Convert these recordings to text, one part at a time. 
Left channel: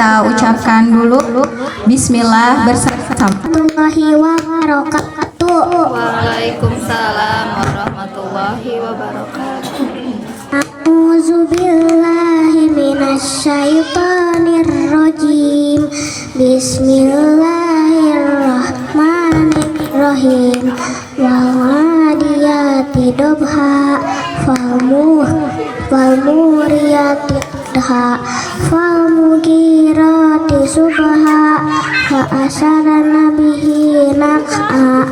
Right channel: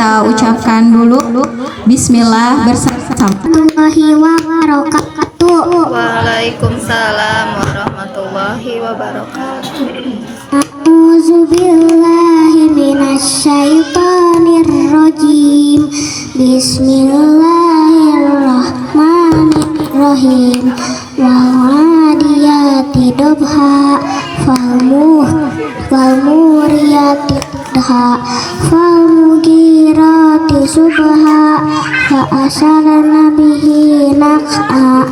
kita ucapkan dulu bismillah bersama. Warahmatullahi wabarakatuh. Waalaikumsalam warahmatullahi wabarakatuh. A'udzubillahi minasyaitonir rajim. Bismillahirrahmanirrahim. Wal-'adiyati dobha falmuriyati qadha falmugirati subha fa asarna bihi naq'a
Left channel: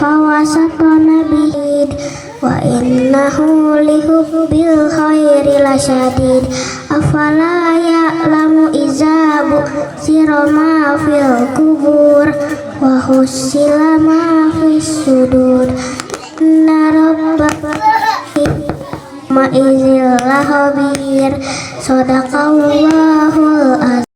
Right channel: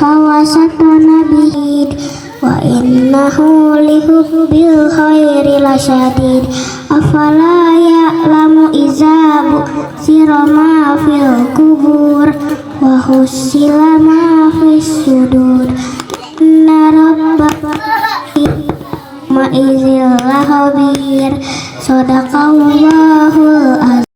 fawasatna bihi wa innahu lihubbil khairi lasyadid afala ya'lamu iza bu'sira ma fil kubur wa husila ma fis sudur inna rabbaka ma'izil lahabir sadaqallahul azim.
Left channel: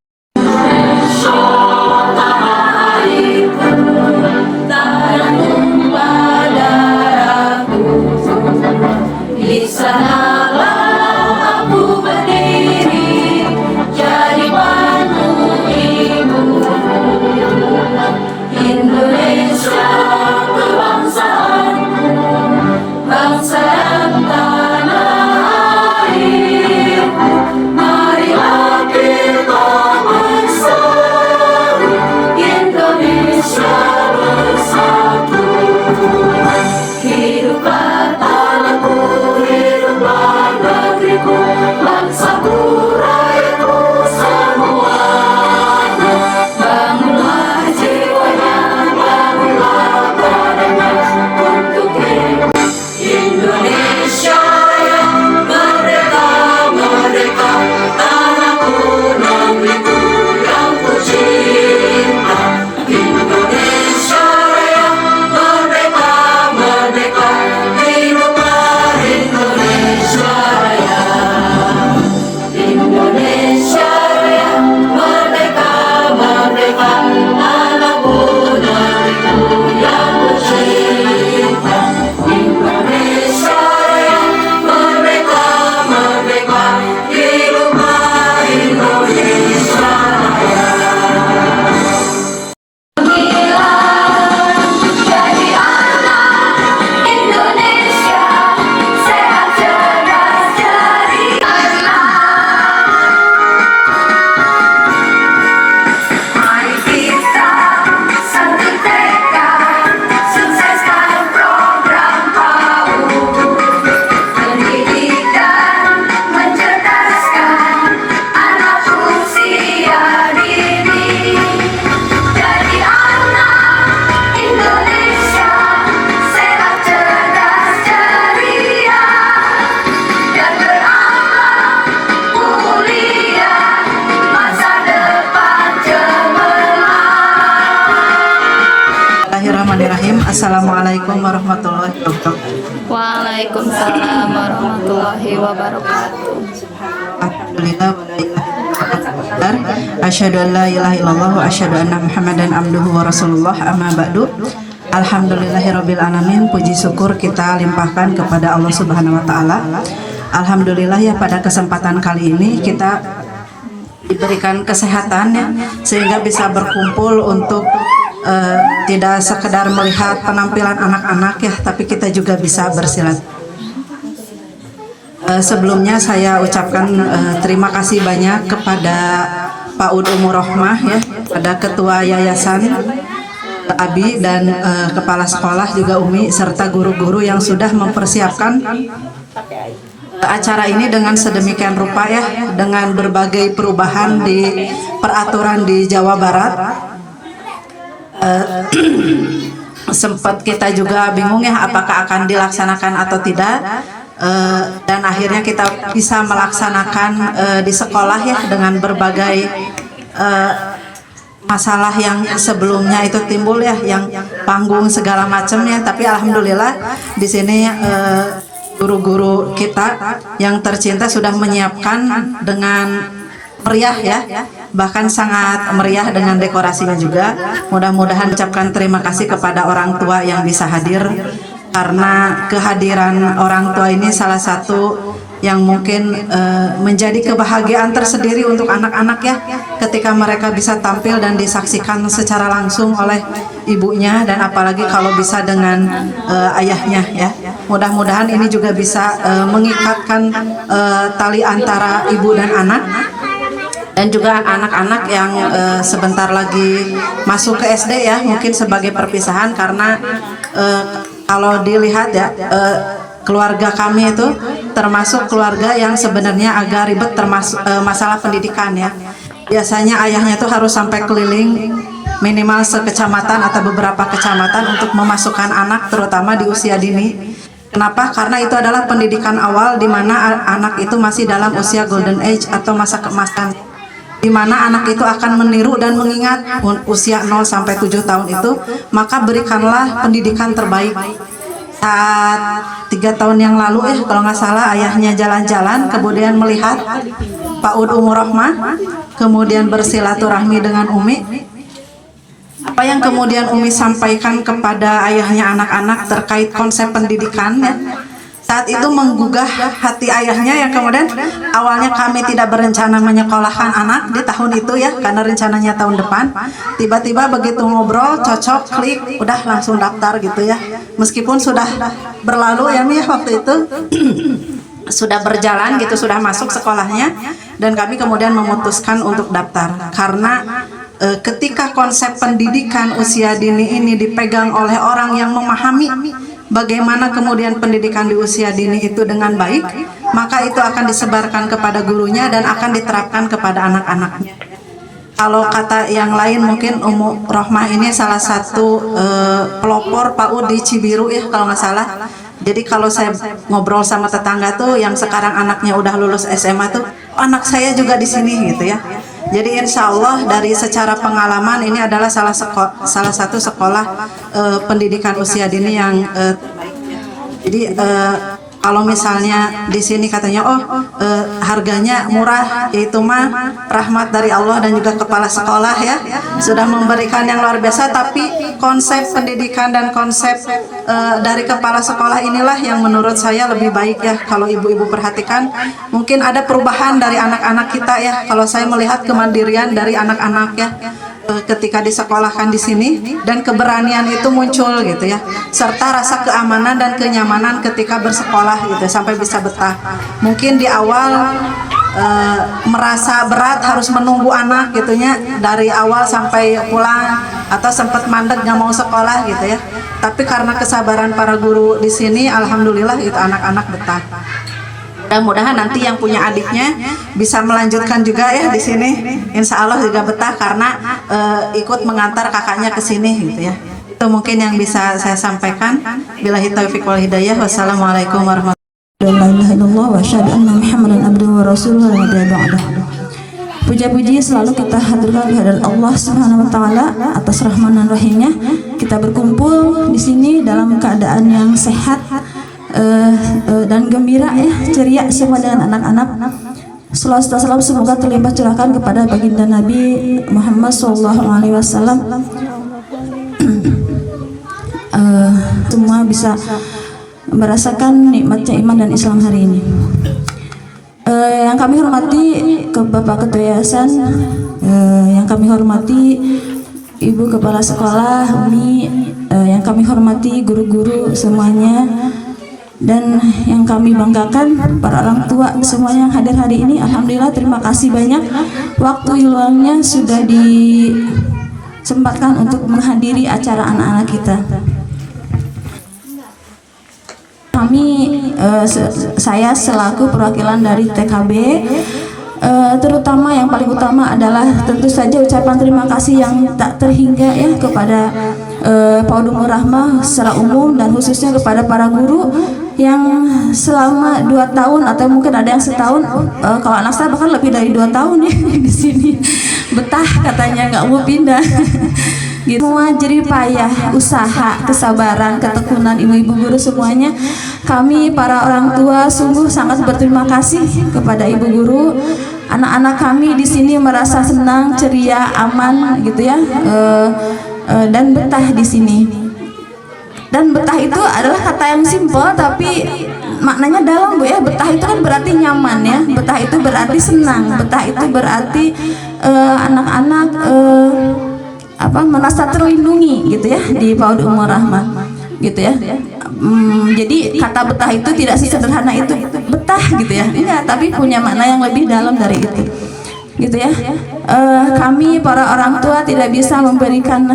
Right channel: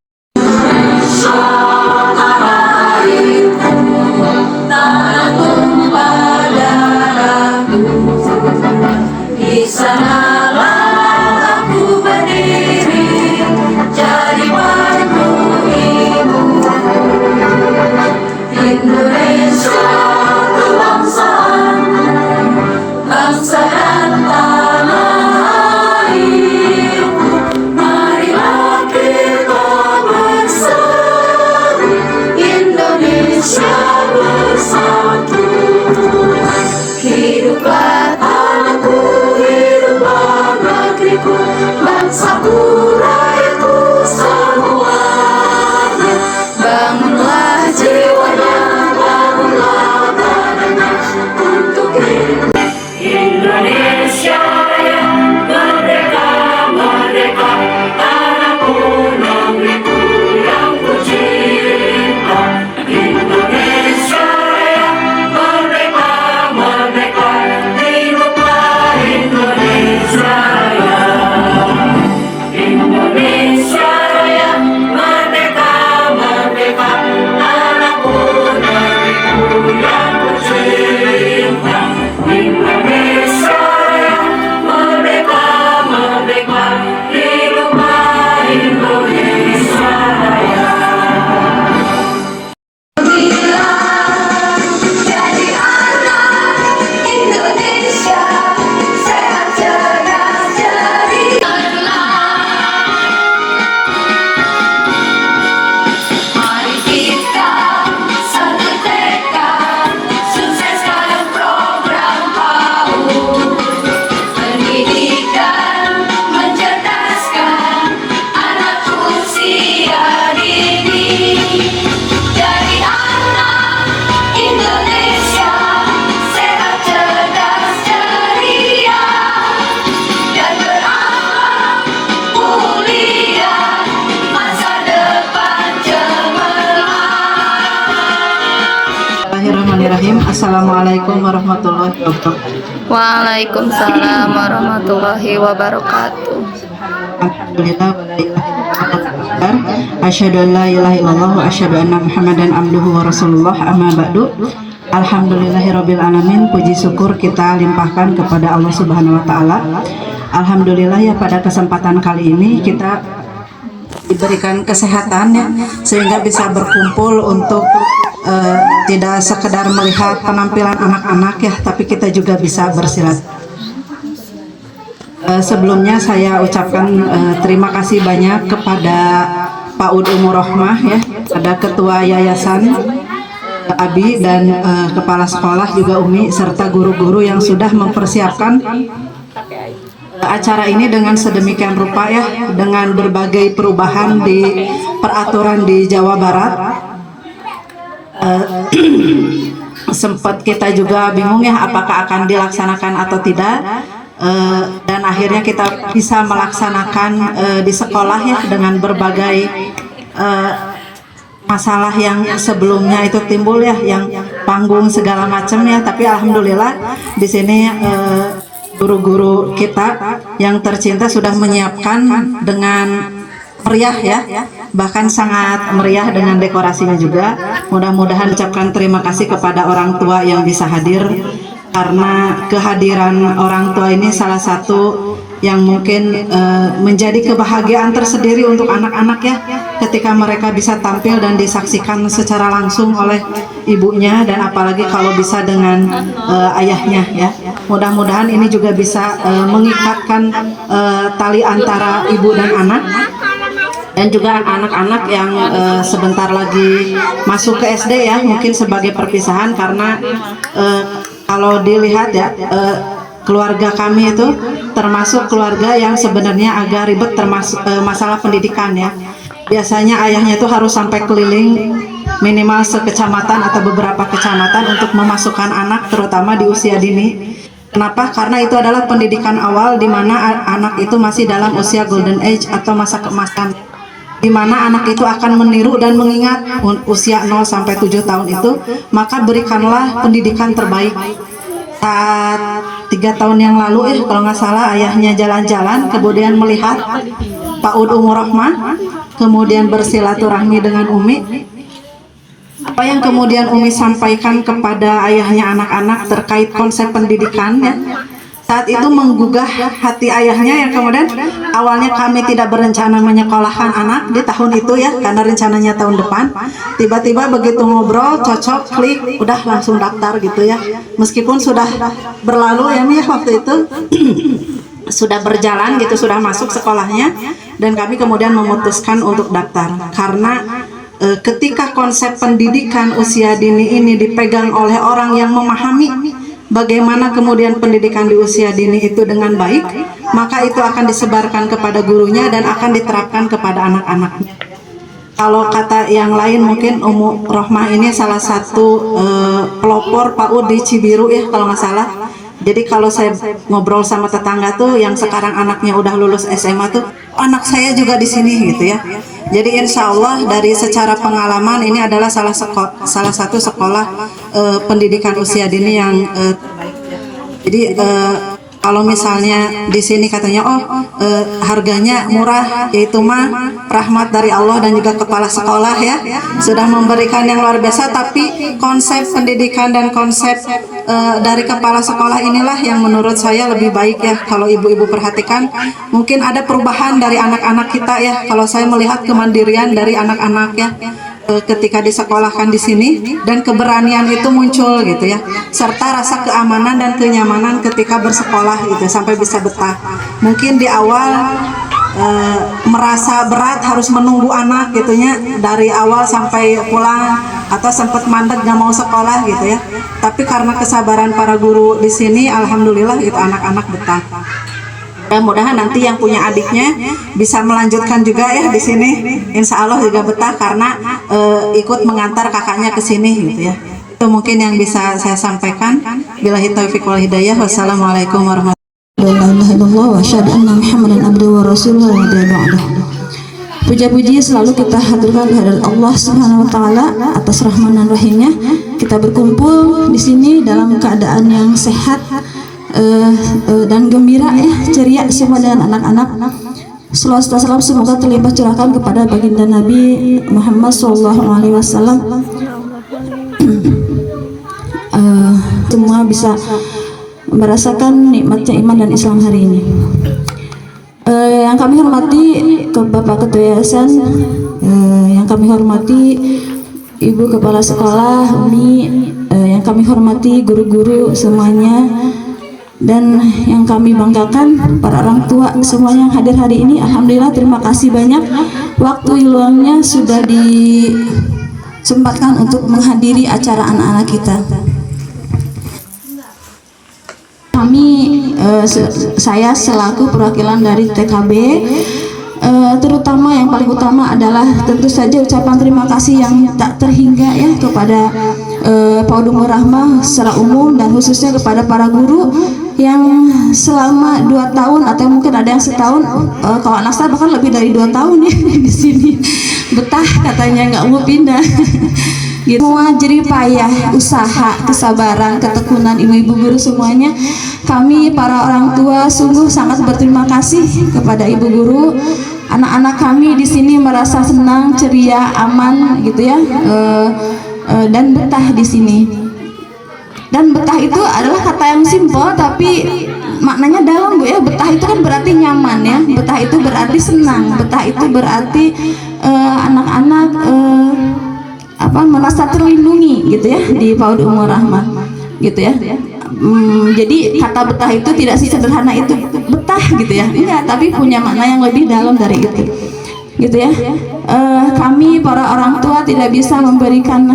Bismillahirrahmanirrahim. Assalamualaikum warahmatullahi wabarakatuh. Waalaikumsalam warahmatullahi wabarakatuh. Alhamdulillah asyhadu an la ilaha illallah wa asyhadu anna Muhammadan abduhu wa rasulullah amma ba'du. Alhamdulillahirabbil alamin. Puji syukur kita limpahkan kepada Allah Subhanahu wa taala. Alhamdulillah ya, pada kesempatan kali ini kita diberikan kesehatan ya, sehingga bisa berkumpul untuk tidak sekedar melihat penampilan anak-anak ya, tapi kita juga bisa bersilat. Sebelumnya saya ucapkan terima kasih banyak kepada Pak Ud Umur Rohmah ya, pada Ketua Yayasan Abi dan Kepala Sekolah juga Umi serta guru-guru yang sudah mempersiapkan acara ini dengan sedemikian rupa ya, dengan berbagai perubahan di peraturan di Jawa Barat. Sempat kita juga bingung ya, apakah akan dilaksanakan atau tidak, dan akhirnya kita bisa melaksanakan di sekolah ya, dengan berbagai masalah yang sebelumnya itu timbul ya, yang panggung segala macam ya, tapi alhamdulillah di sini guru-guru kita yang tercinta sudah menyiapkan dengan meriah ya, bahkan sangat meriah dengan dekorasinya juga. Mudah-mudahan ucapkan terima kasih kepada orang tua yang bisa hadir, karena kehadiran orang tua ini salah satu yang mungkin menjadi kebahagiaan tersendiri untuk anak-anak ya, ketika mereka bisa tampil dan disaksikan secara langsung oleh ibunya, dan apalagi kalau bisa dengan ayahnya ya. Mudah-mudahan ini juga bisa mengikatkan tali antara ibu dan anak. Dan juga anak-anak yang sebentar lagi masuk ke SD ya, mungkin sebagai perpisahan, karena kalau dilihat ya, keluarga kami itu termasuk keluarga yang sebenarnya agak ribet termasuk masalah pendidikan ya. Biasanya ayahnya itu harus sampai keliling minimal sekecamatan atau beberapa kecamatan untuk memasukkan anak, terutama di usia dini. Kenapa? Karena itu adalah pendidikan awal di mana anak itu masih dalam usia golden age atau masa keemasan, di mana anak itu akan meniru dan mengingat usia 0 sampai 7 tahun itu, maka berikanlah pendidikan terbaik. Saat 3 tahun yang lalu kalau nggak salah, ayahnya jalan-jalan kemudian melihat PAUD Umur Rahmah, kemudian bersilaturahmi dengan Umi. Apa yang kemudian Umi sampaikan kepada ayahnya anak-anak terkait konsep pendidikan ya, saat itu menggugah hati ayahnya, yang kemudian awalnya kami tidak berencana menyekolahkan anak di tahun itu ya, karena rencananya tahun depan. Tiba-tiba begitu ngobrol, cocok, klik, udah langsung daftar gitu ya. Meskipun sudah berlalu ya Mi, waktu itu sudah berjalan gitu, sudah masuk sekolahnya, dan kami kemudian memutuskan untuk daftar. Karena ketika konsep pendidikan usia dini ini dipegang oleh orang yang memahami bagaimana kemudian pendidikan di usia dini itu dengan baik, maka itu akan disebarkan kepada gurunya dan akan diterapkan kepada anak-anaknya. Kalau kata yang lain, mungkin Umur Rahmah ini salah satu pelopor PAUD di Cibiru ya kalau nggak salah. Jadi kalau saya ngobrol sama tetangga tuh yang sekarang anaknya udah lulus SMA tuh, anak saya juga di sini gitu ya. Jadi insya Allah dari secara pengalaman ini adalah salah satu sekolah pendidikan usia dini yang jadi kalau misalnya di sini katanya harganya murah, yaitu mah rahmat dari Allah dan juga kepala sekolah ya sudah memberikan yang luar biasa. Tapi konsep pendidikan dan konsep dari kepala sekolah inilah yang menurut saya lebih baik ya. Kalau ibu-ibu perhatikan, mungkin ada perubahan dari anak-anak kita ya. Kalau saya melihat kemandirian dari anak-anak ya ketika disekolahkan di sini, dan keberanian itu muncul gitu ya, serta rasa keamanan dan kenyamanan ketika bersekolah gitu sampai bisa betah. Mungkin di awal merasa berat harus menunggu anak gitunya dari awal sampai pulang, atau sempat mandek nggak mau sekolah gitu ya. Tapi karena kesabaran para guru di sini, alhamdulillah itu anak-anak betah. Mudah-mudahan nanti yang punya adiknya bisa melanjutkan juga ya di sini. Insya Allah juga betah karena ikut mengantar kakaknya ke sini gitu ya. Itu mungkin yang bisa saya sampaikan. Billahi taufiq wal hidayah. Wassalamualaikum warahmatullahi wabarakatuh. Puja-puji selalu kita haturkan kehadirat Allah Subhanahu wa taala atas rahman dan rahimnya. Kita berkumpul di sini dalam keadaan yang sehat dan gembira ya, ceria semua dengan anak-anak. Salam semoga terlimpah curahkan kepada baginda Nabi Muhammad SAW. Semua bisa merasakan nikmatnya iman dan Islam hari ini. Yang kami hormati ke Bapak Ketua Yayasan, yang kami hormati Ibu Kepala Sekolah, Umi, yang kami hormati guru-guru semuanya, dan yang kami banggakan para orang tua semua yang hadir hari ini. Alhamdulillah, terima kasih banyak waktu luangnya sudah disempatkan untuk menghadiri acara anak-anak kita. Saya selaku perwakilan dari TKB, terutama yang paling utama adalah tentu saja ucapan terima kasih yang tak terhingga ya kepada PAUD Umur Rahmah secara umum, dan khususnya kepada para guru yang selama 2 tahun atau mungkin ada yang setahun, kalau anak saya bahkan lebih dari 2 tahun ya di sini, betah katanya nggak mau pindah. Gitu. Semua jerih payah, usaha, kesabaran, ketekunan ibu-ibu guru semuanya, kami para orang tua sungguh sangat berterima kasih kepada ibu guru. Anak-anak kami di sini merasa senang, ceria, aman gitu ya, dan betah di sini. Dan betah itu adalah kata yang simpel tapi maknanya dalam, Bu ya. Betah itu kan berarti nyaman ya. Betah itu berarti senang. Betah itu berarti anak-anak merasa terlindungi gitu ya di PAUD Ummur Rahmah gitu ya. Jadi kata betah itu tidak sesederhana itu betah gitu ya, enggak, tapi punya makna yang lebih dalam dari itu gitu ya. Kami para orang tua tidak bisa memberikan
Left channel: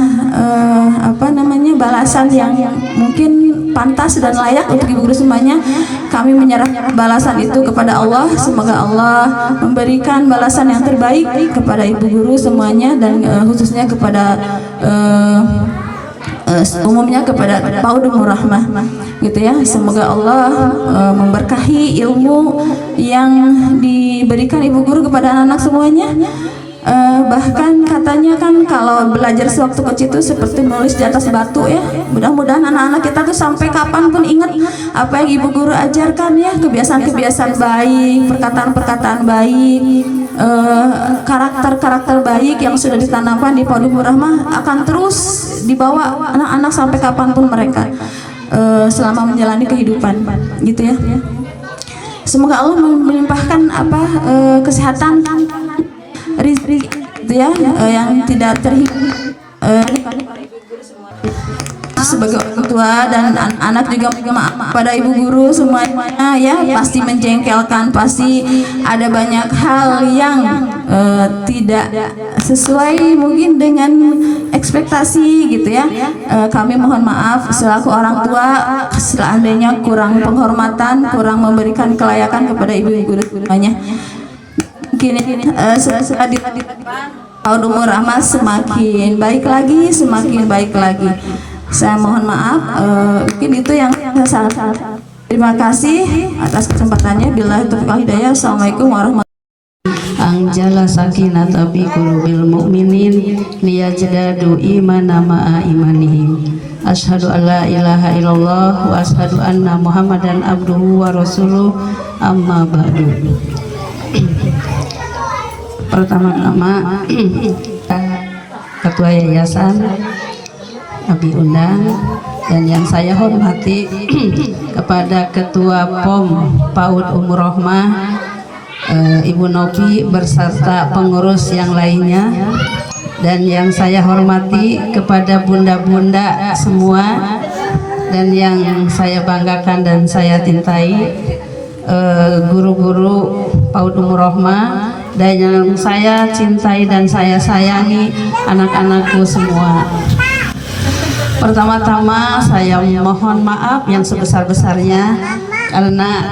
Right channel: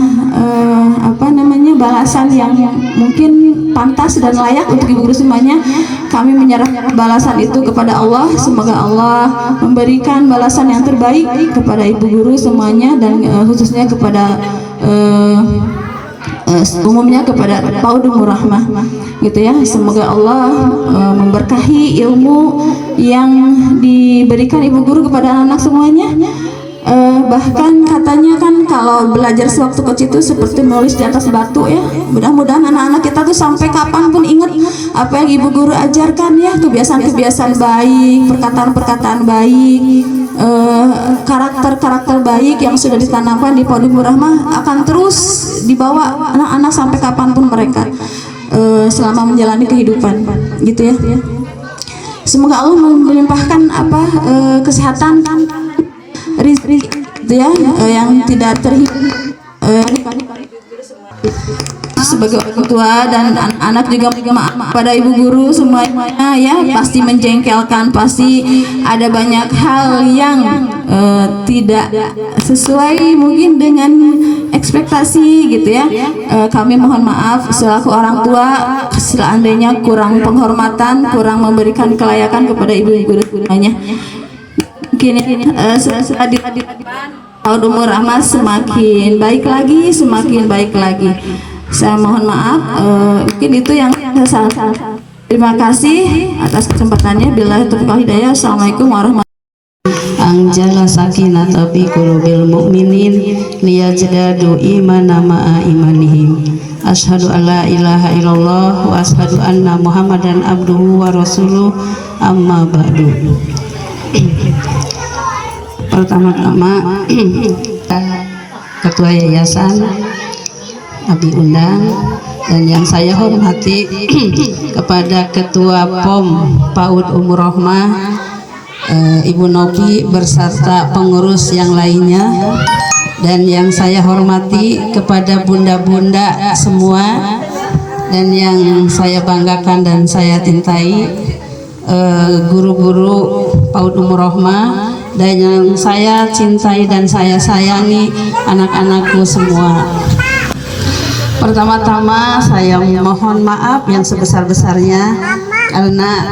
balasan yang mungkin pantas dan layak untuk ibu guru semuanya. Kami menyerahkan balasan itu kepada Allah. Semoga Allah memberikan balasan yang terbaik kepada ibu guru semuanya, dan khususnya kepada umumnya kepada PAUD Ummur Rahmah gitu ya. Semoga Allah memberkahi ilmu yang diberikan ibu guru kepada anak-anak semuanya. Bahkan katanya kan kalau belajar sewaktu kecil itu seperti menulis di atas batu ya. Mudah-mudahan anak-anak kita tuh sampai kapanpun ingat apa yang ibu guru ajarkan ya, kebiasaan-kebiasaan baik, perkataan-perkataan baik, karakter-karakter baik yang sudah ditanamkan di PAUD Ummur Rahmah akan terus dibawa anak-anak sampai kapanpun mereka selama menjalani kehidupan gitu ya. Semoga Allah melimpahkan kesehatan, rizki gitu ya, yang tidak terhitung sebagai orang tua dan anak juga maaf pada ibu guru semuanya ya. Pasti menjengkelkan, pasti ada banyak hal yang tidak sesuai mungkin dengan ekspektasi gitu ya. Kami mohon maaf selaku orang tua seandainya kurang penghormatan, kurang memberikan kelayakan kepada ibu guru semuanya. Mungkin setelah di PAUD Ummur Rahmah semakin baik lagi, semakin baik lagi. Saya mohon maaf, mungkin itu yang saya salah. Terima kasih atas kesempatannya. Billahi taufiq wal hidayah. Assalamualaikum warahmatullahi wabarakatuh. Anjala sakinata fi qulubil mu'minin liyazdadu imana ma'a imanihim. Asyhadu an la ilaha illallah wa asyhadu anna Muhammadan abduhu wa rasuluh, amma ba'du. Pertama-tama Ketua Yayasan Abi undang, dan yang saya hormati kepada Ketua POM PAUD Ummur Rahmah Ibu Noki berserta pengurus yang lainnya, dan yang saya hormati kepada bunda-bunda semua, dan yang saya banggakan dan saya cintai guru-guru PAUD Ummur Rahmah, dan yang saya cintai dan saya sayangi anak-anakku semua. Pertama-tama saya mohon maaf yang sebesar-besarnya karena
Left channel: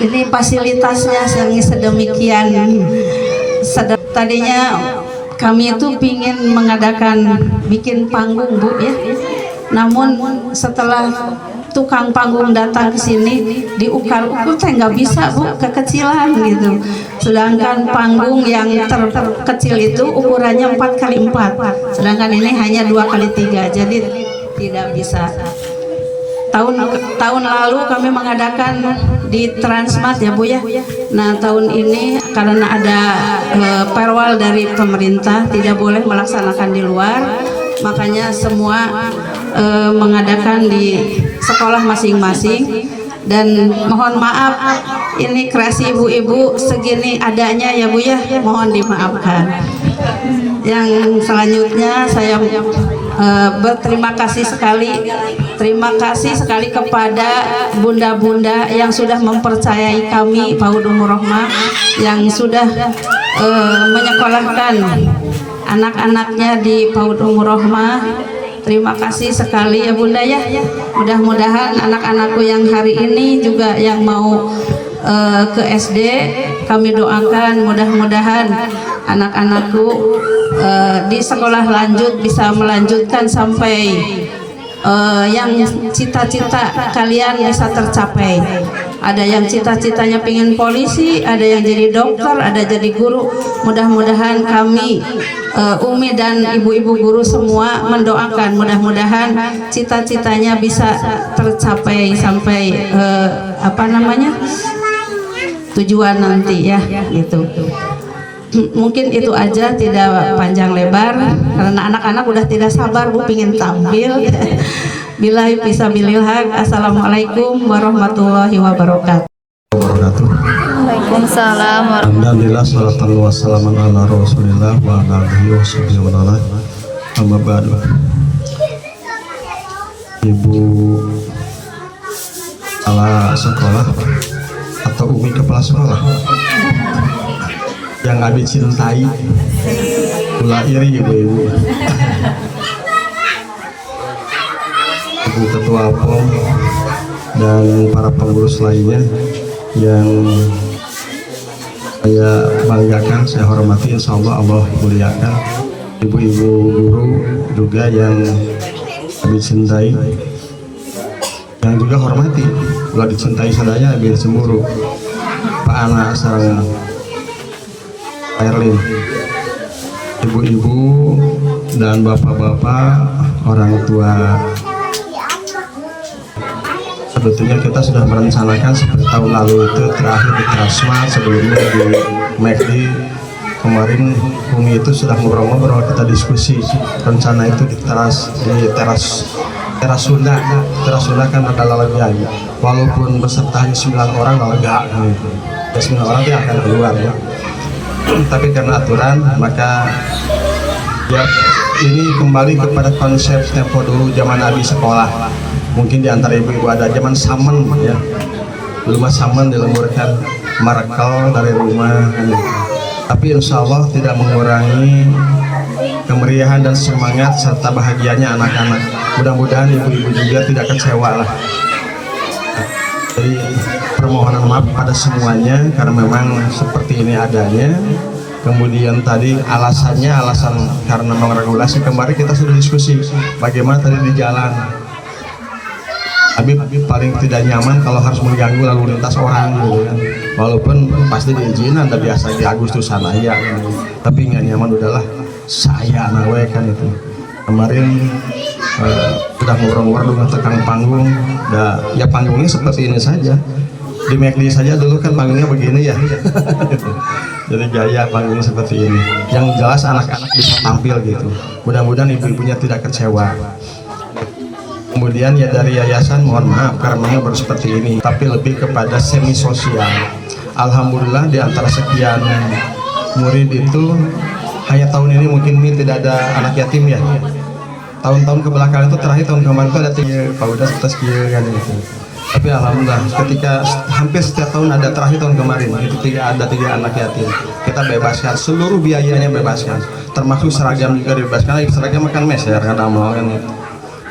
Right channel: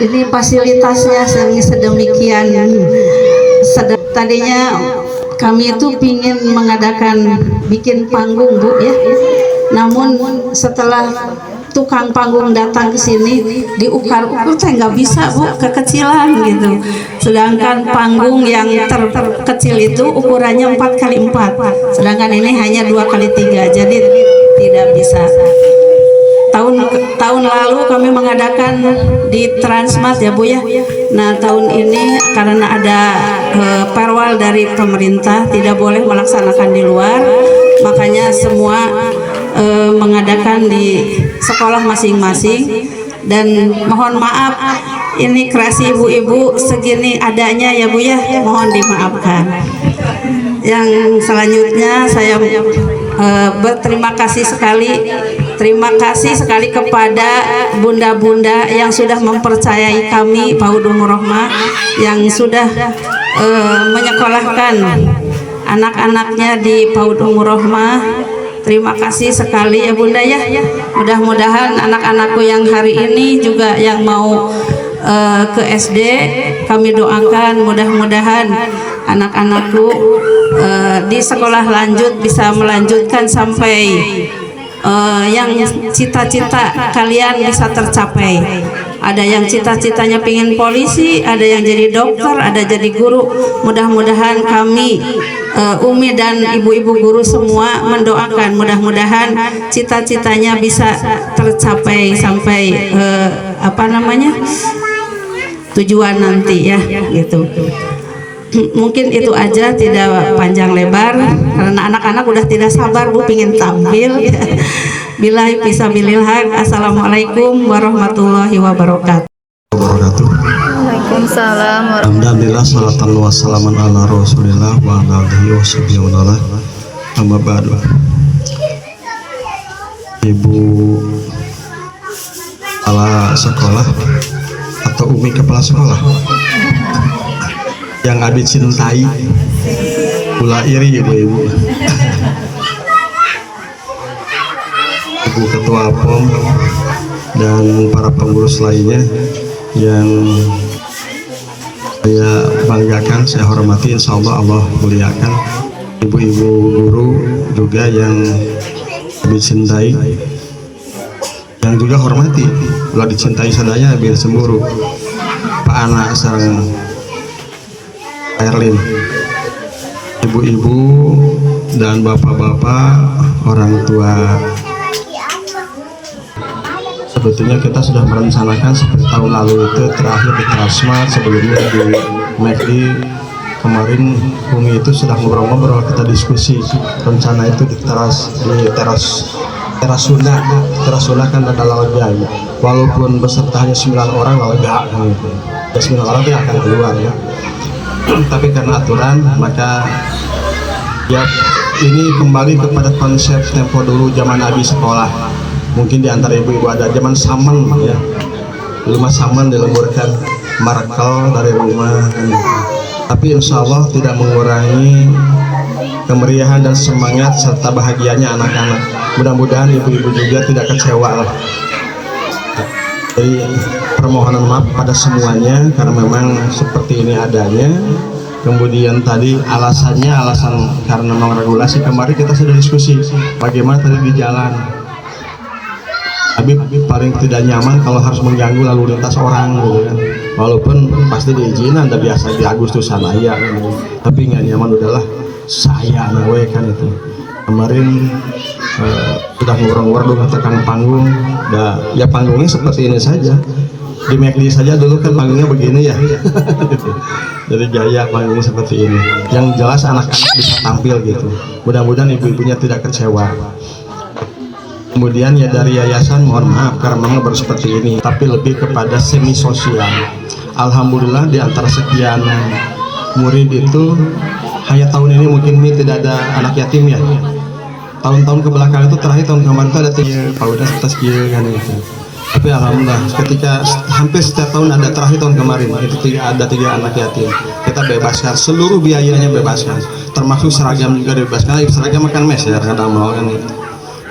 ini fasilitasnya sedemikian. Tadinya kami itu ingin mengadakan bikin panggung, Bu ya. Namun setelah tukang panggung datang ke sini diukar-ukur nggak bisa, Bu, kekecilan gitu. Sedangkan panggung yang terkecil itu ukurannya 4x4, sedangkan ini hanya 2x3, jadi tidak bisa. Tahun lalu kami mengadakan di Transmart ya, Bu ya. Nah, tahun ini karena ada perwal dari pemerintah tidak boleh melaksanakan di luar, makanya semua mengadakan di sekolah masing-masing. Dan mohon maaf ini kreasi ibu-ibu segini adanya ya, Bu ya, mohon dimaafkan. Yang selanjutnya saya berterima kasih sekali, terima kasih sekali kepada bunda-bunda yang sudah mempercayai kami PAUD Ummur Rahmah, yang sudah menyekolahkan anak-anaknya di PAUD Ummur Rahmah. Terima kasih sekali ya Bunda ya. Mudah-mudahan anak-anakku yang hari ini juga yang mau ke SD, kami doakan mudah-mudahan anak-anakku di sekolah lanjut bisa melanjutkan sampai yang cita-cita kalian bisa tercapai. Ada yang cita-citanya pengen polisi, ada yang jadi dokter, ada jadi guru. Mudah-mudahan kami Umi dan ibu-ibu guru semua mendoakan mudah-mudahan cita-citanya bisa tercapai sampai tujuan nanti ya gitu. Mungkin itu aja, tidak panjang lebar karena anak-anak udah tidak sabar Bu pingin tampil. Billahi fisabilil haq. Assalamualaikum warahmatullahi wabarakatuh. Waalaikumsalam warahmatullahi Alhamdulillah, salatan wa salaman ala rasulillah wa ala alihi wa sahbihi wa ala amma ba'du. Ibu kepala sekolah atau umi kepala sekolah yang Abi cintai, pula iri ibu-ibu, ibu ketua POM dan para pengurus lainnya yang saya banggakan, saya hormati, insya Allah Allah muliakan. Ibu-ibu guru juga yang Abi cintai, yang juga hormati, kalau dicintai sadaya biar cemburu. Pak Ana sareng Erlin, ibu-ibu dan bapak-bapak, orang tua. Sebetulnya kita sudah merencanakan seperti tahun lalu itu terakhir di Transmart, sebelumnya di McD. Kemarin Umi itu sudah ngobrol-ngobrol, kita diskusi rencana itu di teras Sunda kan ada lega, walaupun beserta hanya 9 orang lega gitu. Ya 9 orang itu akan keluar ya. Tapi karena aturan maka ya ini kembali kepada konsep tempo dulu zaman Abi sekolah. Mungkin di antara ibu-ibu ada zaman samen ya, rumah samen dilemburkan markel dari rumah kan. Tapi insya Allah tidak mengurangi kemeriahan dan semangat serta bahagianya anak-anak. Mudah-mudahan ibu-ibu juga tidak kecewa lah. Jadi permohonan maaf pada semuanya karena memang seperti ini adanya. Kemudian tadi alasan karena memang regulasi. Kemarin kita sudah diskusi bagaimana tadi di jalan. Habib paling tidak nyaman kalau harus mengganggu lalu lintas orang gitu kan. Walaupun pasti diizinin, ada biasa di Agustusan ya kan. Tapi nggak nyaman udahlah saya nawe kan itu. Kemarin sudah ngurung-ngurung dengan tekan panggung, ya panggungnya seperti ini saja. Di McD saja dulu kan panggungnya begini ya. Jadi gaya panggungnya seperti ini. Yang jelas anak-anak bisa tampil gitu. Mudah-mudahan ibu-ibunya tidak kecewa. Kemudian ya dari yayasan mohon maaf karena memang baru seperti ini, tapi lebih kepada semi sosial. Alhamdulillah di antara sekian murid itu hanya tahun ini mungkin tidak ada anak yatim ya. Tahun-tahun kebelakang itu terakhir tahun kemarin itu ada 3 Pak Udas atas kan gitu. Tapi alhamdulillah ketika hampir setiap tahun ada, terakhir tahun kemarin itu ada 3 anak yatim. Kita bebaskan seluruh biayanya, bebaskan termasuk seragam juga dibebaskan. Seragam makan mes ya kadang mau kan gitu.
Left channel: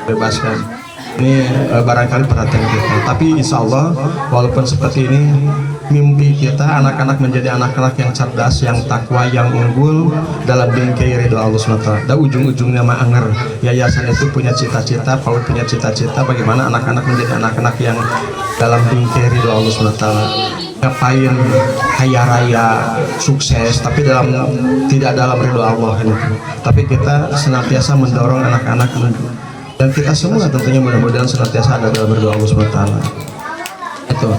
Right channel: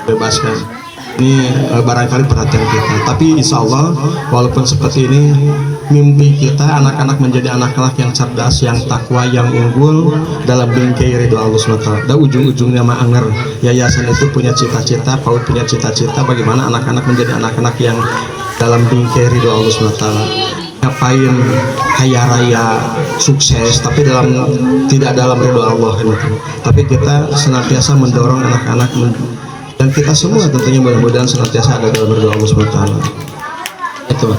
Bebaskan. Ini barangkali perhatian kita. Tapi insya Allah walaupun seperti ini, mimpi kita anak-anak menjadi anak-anak yang cerdas, yang takwa, yang unggul dalam bingkai ridho Allah SWT. Dan ujung-ujungnya mah anger. Yayasan itu punya cita-cita, PAUD punya cita-cita bagaimana anak-anak menjadi anak-anak yang dalam bingkai ridho Allah SWT. Ngapain kaya raya, sukses, tapi tidak dalam ridho Allah kan. Tapi kita senantiasa mendorong anak-anak dan kita semua tentunya mudah-mudahan senantiasa ada dalam ridho Allah SWT. Itu.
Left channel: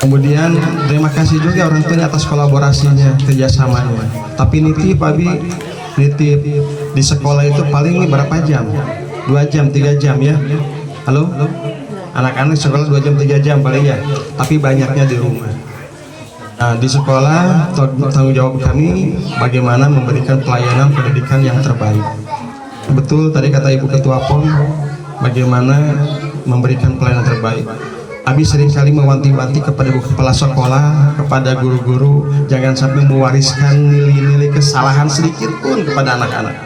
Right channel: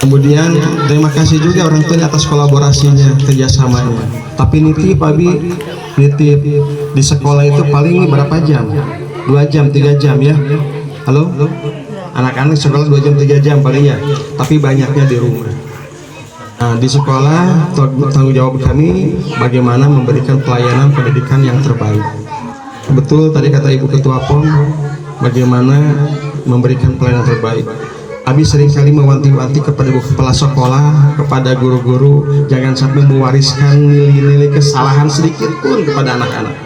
Kemudian terima kasih juga orang tua atas kolaborasinya, kerjasamanya. Tapi nitip Abi, nitip di sekolah itu paling berapa jam? 2 jam, 3 jam ya. Halo? Anak-anak sekolah 2 jam, 3 jam paling ya. Tapi banyaknya di rumah. Nah, di sekolah tanggung jawab kami bagaimana memberikan pelayanan pendidikan yang terbaik. Betul tadi kata Ibu Ketua POM, bagaimana memberikan pelayanan terbaik. Abi seringkali mewanti-wanti kepada ibu kepala sekolah, kepada guru-guru, jangan sampai mewariskan nilai-nilai kesalahan sedikit pun kepada anak-anak.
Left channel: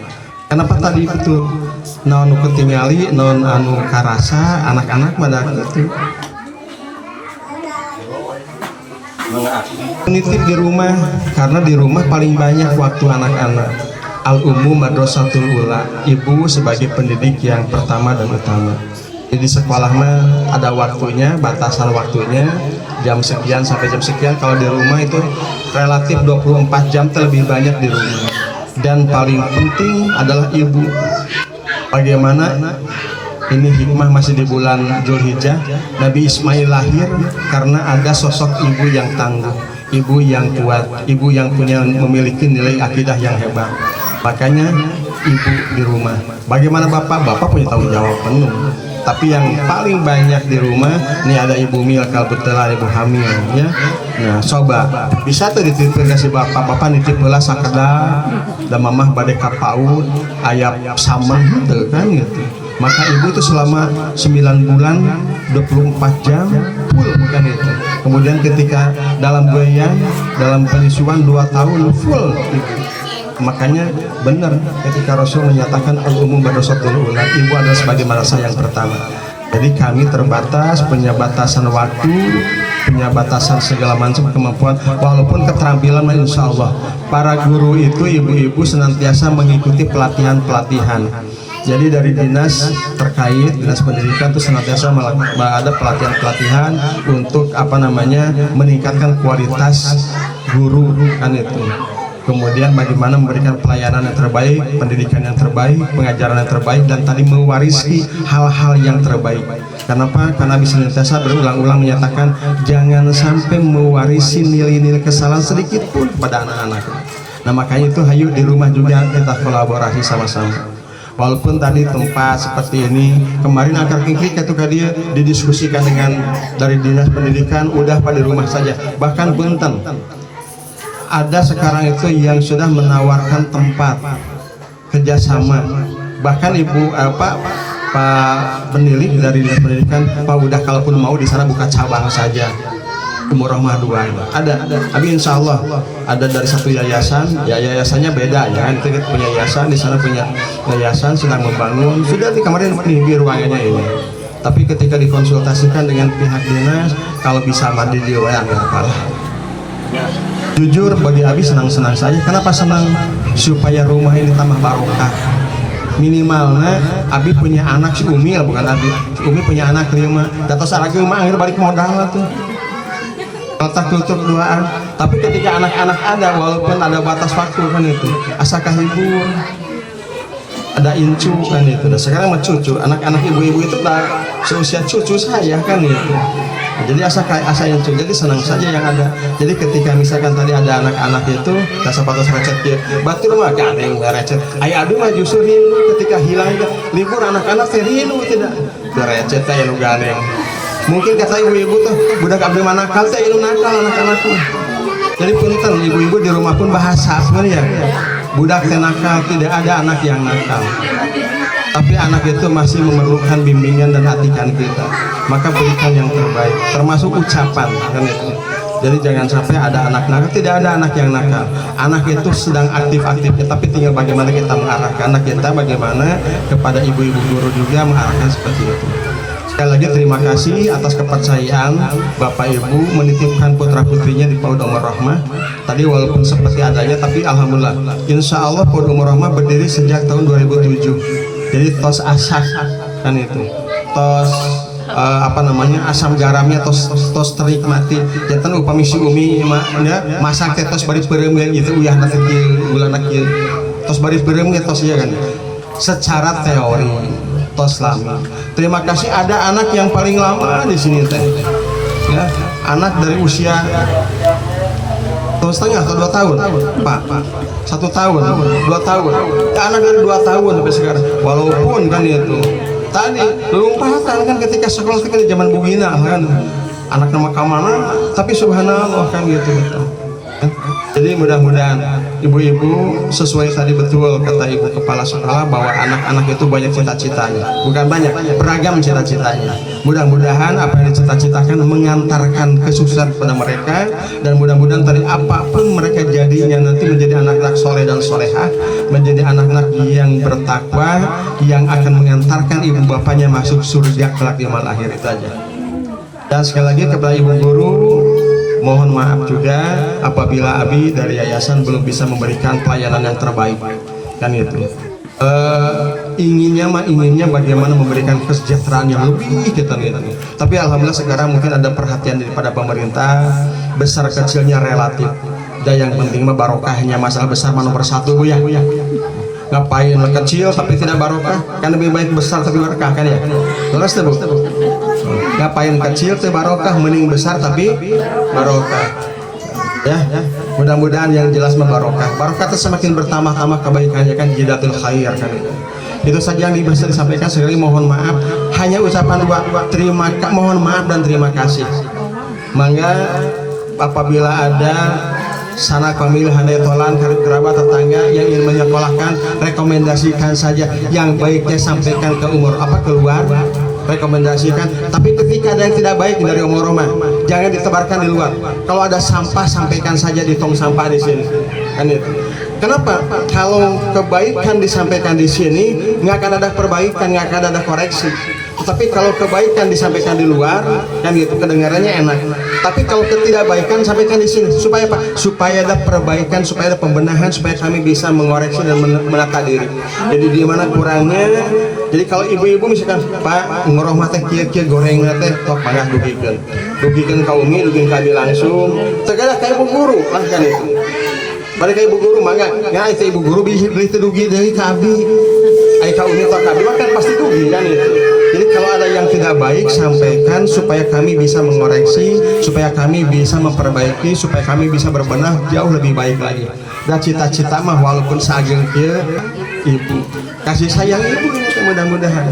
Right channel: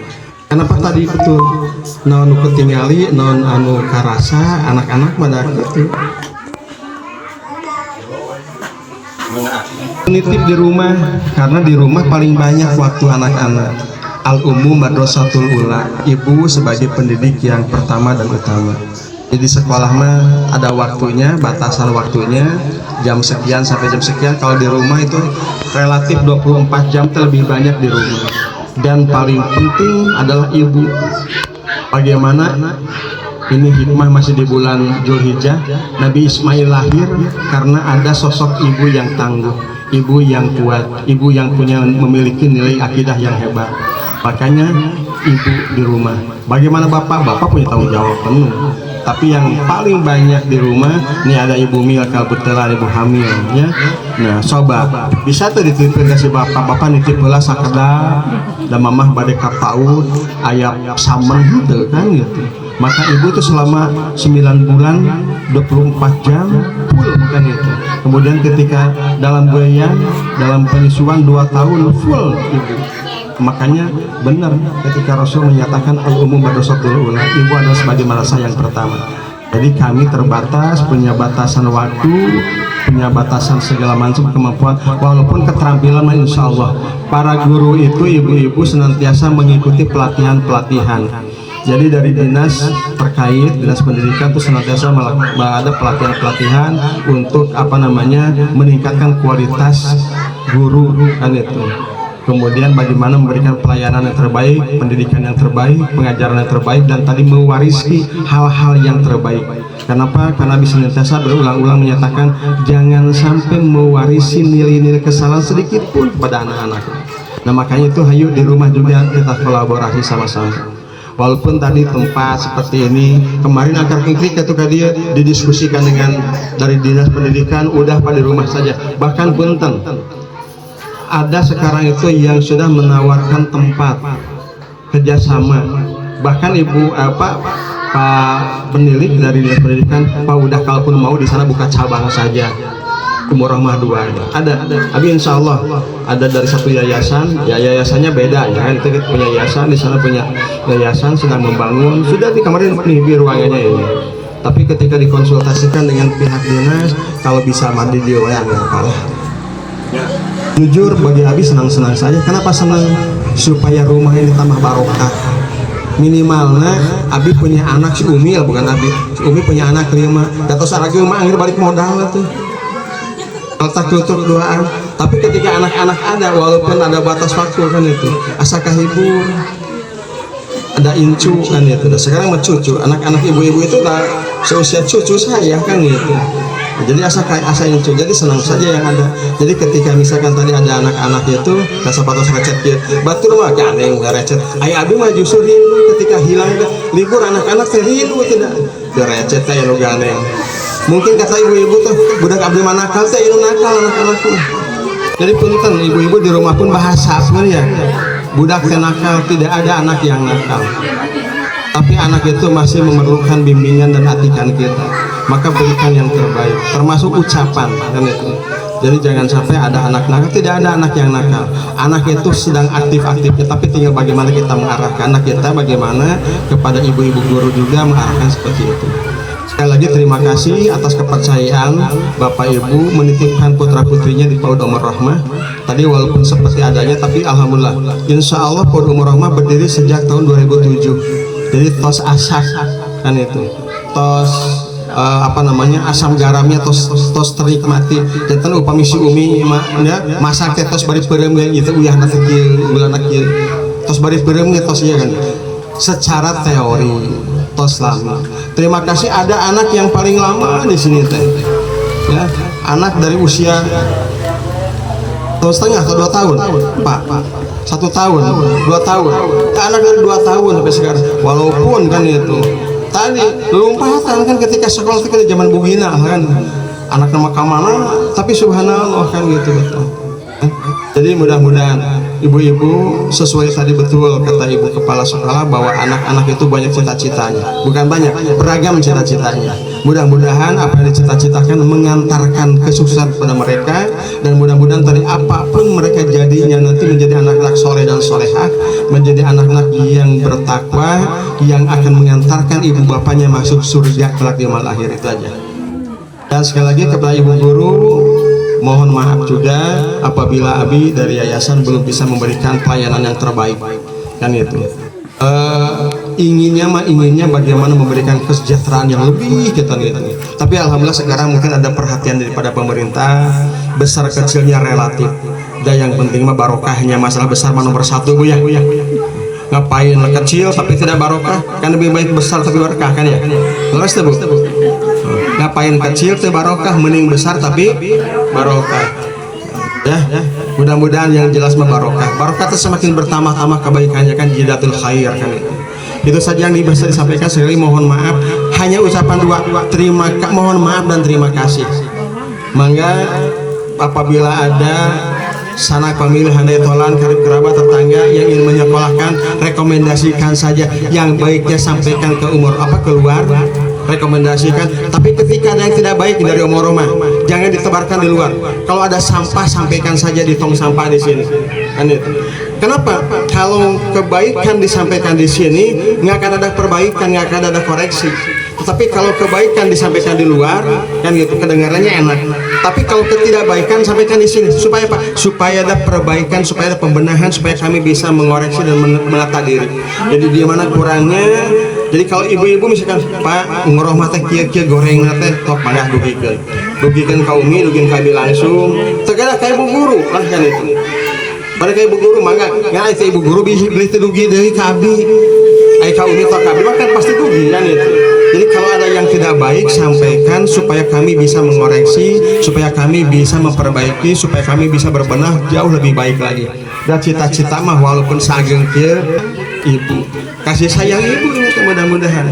Kenapa tadi betul? Non ketingali, non anu karasa, anak-anak pada itu. Menitip di rumah, karena di rumah paling banyak waktu anak-anak. Al-Umum Madrasatul Ula, ibu sebagai pendidik yang pertama dan utama. Jadi sekolah mah ada waktunya, batasan waktunya, jam sekian sampai jam sekian. Kalau di rumah itu relatif 24 jam terlebih banyak di rumah. Dan paling penting adalah ibu. Bagaimana ini hikmah masih di bulan Zulhijjah, Nabi Ismail lahir karena ada sosok ibu yang tangguh. ibu yang kuat, ibu yang memiliki nilai akidah yang hebat. Makanya ibu di rumah. Bagaimana bapak? Bapak punya tanggung jawab penuh. Tapi yang paling banyak di rumah ini ada ibu Milka, kebetulan ibu hamil ya. Nah, coba bisa tuh dititipin ke si bapak nitip heula sakeda dan mamah bade ka PAUD ayam samen gitu kan gitu. Maka ibu itu selama 9 bulan 24 jam full bukan itu. Kemudian ketika dalam goyang, dalam penyusuan 2 tahun full ibu. Makanya benar ketika Rasul menyatakan al-umum badosatul ula, ibu adalah sebagai madrasah yang pertama. Jadi kami terbatas, punya batasan waktu, punya batasan segala macam kemampuan, walaupun keterampilan insya Allah para guru itu ibu-ibu senantiasa mengikuti pelatihan-pelatihan. Jadi dari dinas terkait, dinas pendidikan itu senantiasa ada pelatihan-pelatihan untuk meningkatkan kualitas guru kan itu. Kemudian bagaimana memberikan pelayanan yang terbaik, pendidikan yang terbaik, pengajaran yang terbaik, dan tadi mewarisi hal-hal yang terbaik. Kenapa? Karena Nabi senantiasa berulang-ulang menyatakan jangan sampai mewarisi nilai-nilai kesalahan sedikit pun pada anak-anak. Nah makanya itu hayu di rumah juga kita kolaborasi sama-sama. Walaupun tadi tempat seperti ini, kemarin akar kengkrik itu dia didiskusikan dengan dari dinas pendidikan, udah pada rumah saja. Bahkan Bunten ada sekarang itu yang sudah menawarkan tempat kerjasama. Bahkan Pak penilik dari dinas pendidikan, Pak udah kalaupun mau di sana buka cabang saja. Umur Rahmah 2 ada. Tapi insya Allah ada dari satu yayasan, ya yayasannya beda ya kan. Kita punya yayasan di sana, punya yayasan sedang membangun. Sudah di kemarin di ruangannya ini. Tapi ketika dikonsultasikan dengan pihak dinas, kalau bisa mandi di ruangan kalah. Jujur bagi Abi senang-senang saja. Kenapa senang? Supaya rumah ini tambah barokah. Minimalnya Abi punya anak si Umil, bukan Abi. Si Umi punya anak 5. Kata saragi mah akhir balik modal tuh. Letak tutup doaan. Tapi ketika anak-anak ada, walaupun ada batas waktu kan itu, asakah hibur. Ada incu kan itu. Sekarang mah cucu. Anak-anak ibu-ibu itu udah seusia cucu saya kan itu. Jadi asa incu, jadi senang saja yang ada. Jadi ketika misalkan tadi ada anak-anak itu rasa patos recet dia batur mah gandeng recet ayah aduh mah justru rindu ketika hilang libur anak-anak rindu tidak recet teh lu gandeng. Mungkin kata ibu-ibu tuh budak abdi manakal teh lu nakal anak-anaknya. Jadi punten ibu-ibu di rumah pun bahasa sebenarnya budak teh nakal, tidak ada anak yang nakal. Tapi anak itu masih memerlukan bimbingan dan atikan kita. Maka berikan yang terbaik, termasuk ucapan kan itu. Jadi jangan sampai ada anak nakal. Tidak ada anak yang nakal. Anak itu sedang aktif-aktifnya, tapi tinggal bagaimana kita mengarahkan anak kita, bagaimana kepada ibu-ibu guru juga mengarahkan seperti itu. Sekali lagi terima kasih atas kepercayaan Bapak Ibu menitipkan putra putrinya di PAUD Umur Rahmah. Tadi walaupun seperti adanya, tapi alhamdulillah, insya Allah PAUD Umur Rahmah berdiri sejak tahun 2007. Jadi tos asak kan itu, tos asam garamnya tos terik mati. Kita upami si Umi ya masak teh tos bari peureum gitu uyah nanti bulan akhir tos bari peureum tos ya kan. Secara teori tos lama. Terima kasih ada anak yang paling lama di sini teh. Ya, anak dari usia 1,5 atau 2 tahun, Pak. 1 tahun, 2 tahun. Ya, anak dari 2 tahun sampai sekarang. Walaupun kan itu tadi lompatan kan ketika sekolah itu kan di zaman bugina kan. Anak nama kamana, tapi subhanallah kan gitu. Jadi mudah-mudahan ibu-ibu sesuai tadi betul kata ibu kepala sekolah bahwa anak-anak itu banyak cita-citanya, bukan banyak, beragam cita-citanya. Mudah-mudahan apa yang dicita-citakan mengantarkan kesuksesan pada mereka, dan mudah-mudahan tadi apapun mereka jadinya nanti menjadi anak-anak soleh dan solehah, menjadi anak-anak yang bertakwa, yang akan mengantarkan ibu bapaknya masuk surga kelak di malam akhir itu aja. Dan sekali lagi kepada ibu guru, mohon maaf juga apabila Abi dari yayasan belum bisa memberikan pelayanan yang terbaik kan itu. Inginnya bagaimana memberikan kesejahteraan yang lebih kita gitu. Tapi alhamdulillah sekarang mungkin ada perhatian daripada pemerintah, besar kecilnya relatif. Dan yang penting mah barokahnya, masalah besar nomor 1 Bu ya. Ngapain kecil tapi tidak barokah, kan lebih baik besar tapi barokah kan ya. Terus Bu. Ngapain kecil teh barokah, mending besar tapi barokah. Ya, mudah-mudahan yang jelas barokah. Barokah itu semakin bertambah-tambah kebaikannya kan jidatul khair kan itu. Itu saja yang bisa disampaikan. Sekali mohon maaf, hanya ucapan dua, mohon maaf dan terima kasih. Mangga apabila ada sanak famili handai tolan karib kerabat tetangga yang ingin menyekolahkan, rekomendasikan saja. Yang baiknya sampaikan ke umur keluar, rekomendasikan. Tapi ketika ada yang tidak baik dari umur rumah, jangan ditebarkan di luar. Kalau ada sampah, sampaikan saja di tong sampah di sini. Kan itu. Kenapa? Kalau kebaikan disampaikan di sini, nggak akan ada perbaikan, nggak akan ada koreksi. Tapi kalau kebaikan disampaikan di luar, kan gitu, kedengarannya enak. Tapi kalau ketidakbaikan sampaikan di sini, supaya apa? Supaya ada perbaikan, supaya ada pembenahan, supaya kami bisa mengoreksi dan menata diri. Jadi di mana kurangnya. Jadi kalau ibu-ibu misalkan Pak ngoroh mata kia goreng teh tok mangga dugikeun ka umi, dugikeun ka abi langsung. Tegada ka ibu guru lah kan itu. Balik ke ibu guru mangga, ya itu ibu guru bisa beli dugi deui ka abi. Ai ka umi tok ka abi kan pasti dugi kan itu. Jadi kalau ada yang tidak baik sampaikan supaya kami bisa mengoreksi, supaya kami bisa memperbaiki, supaya kami bisa berbenah jauh lebih baik lagi. Dan cita-cita mah walaupun sageng kieu ibu kasih sayang ibu ini mudah-mudahan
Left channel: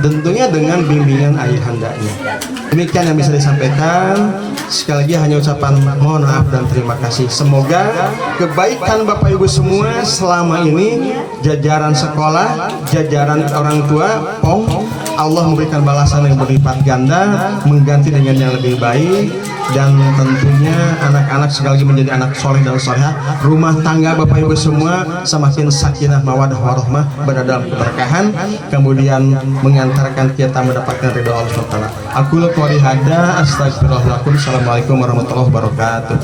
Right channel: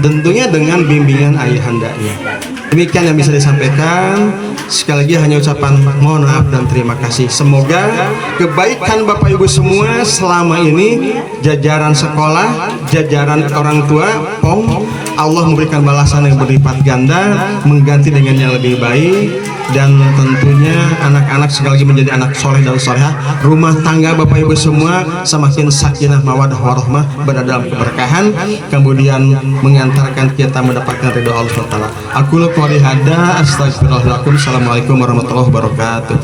tentunya dengan bimbingan ayahandanya. Demikian yang bisa disampaikan. Sekali lagi hanya ucapan mohon maaf dan terima kasih. Semoga kebaikan Bapak Ibu semua selama ini, jajaran sekolah, jajaran orang tua, Allah memberikan balasan yang berlipat ganda, mengganti dengan yang lebih baik. Dan tentunya anak-anak sekali lagi menjadi anak soleh dan solehah. Rumah tangga Bapak Ibu semua semakin sakinah mawadah warahmah, berada dalam keberkahan, kemudian mengantarkan kita mendapatkan ridho Allah SWT. Aku qouli hada, astagfirullahaladzim. Assalamualaikum warahmatullahi wabarakatuh.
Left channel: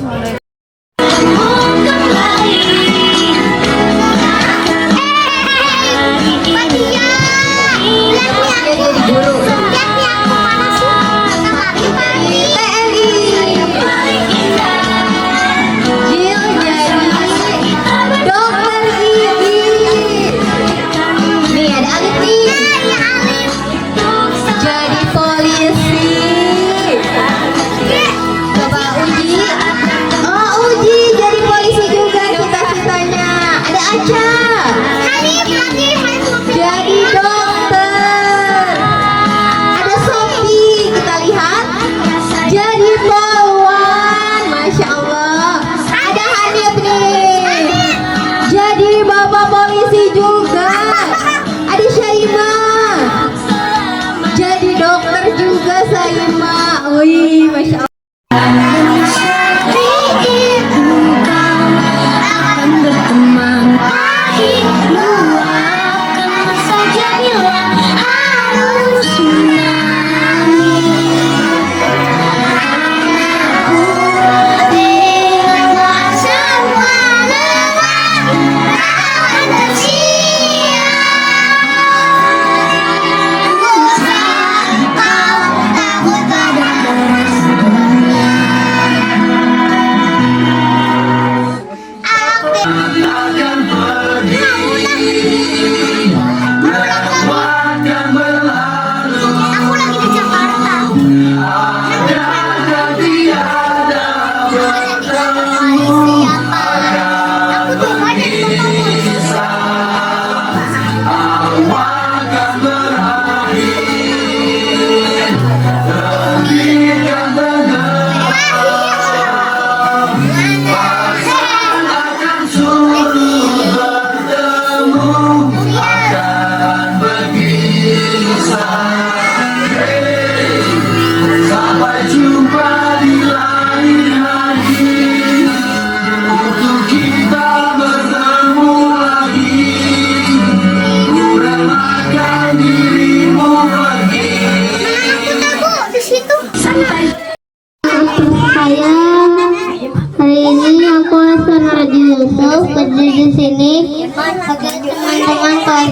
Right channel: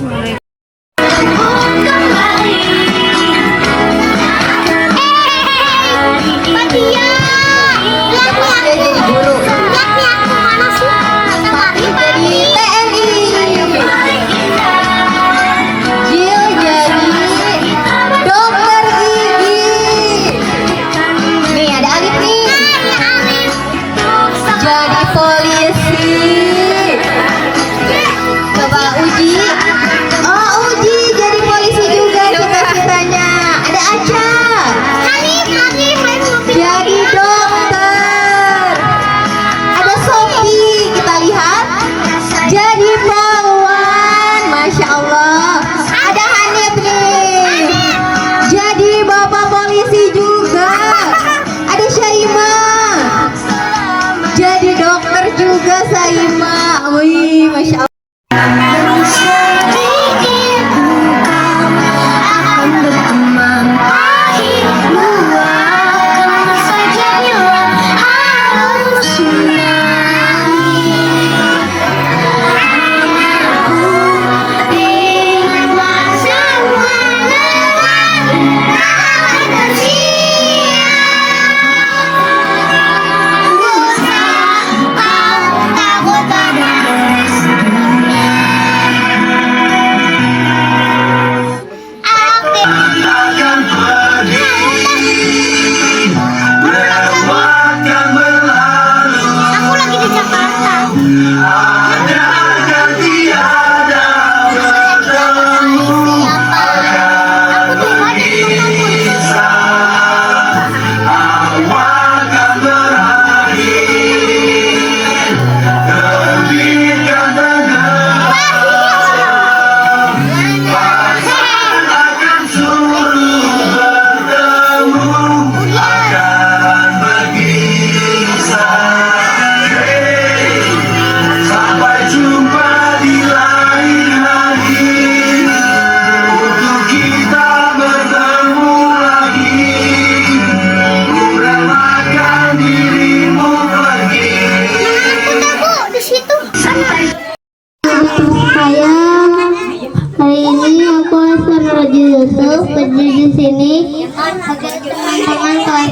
Berdiri di sini agar teman-teman kelas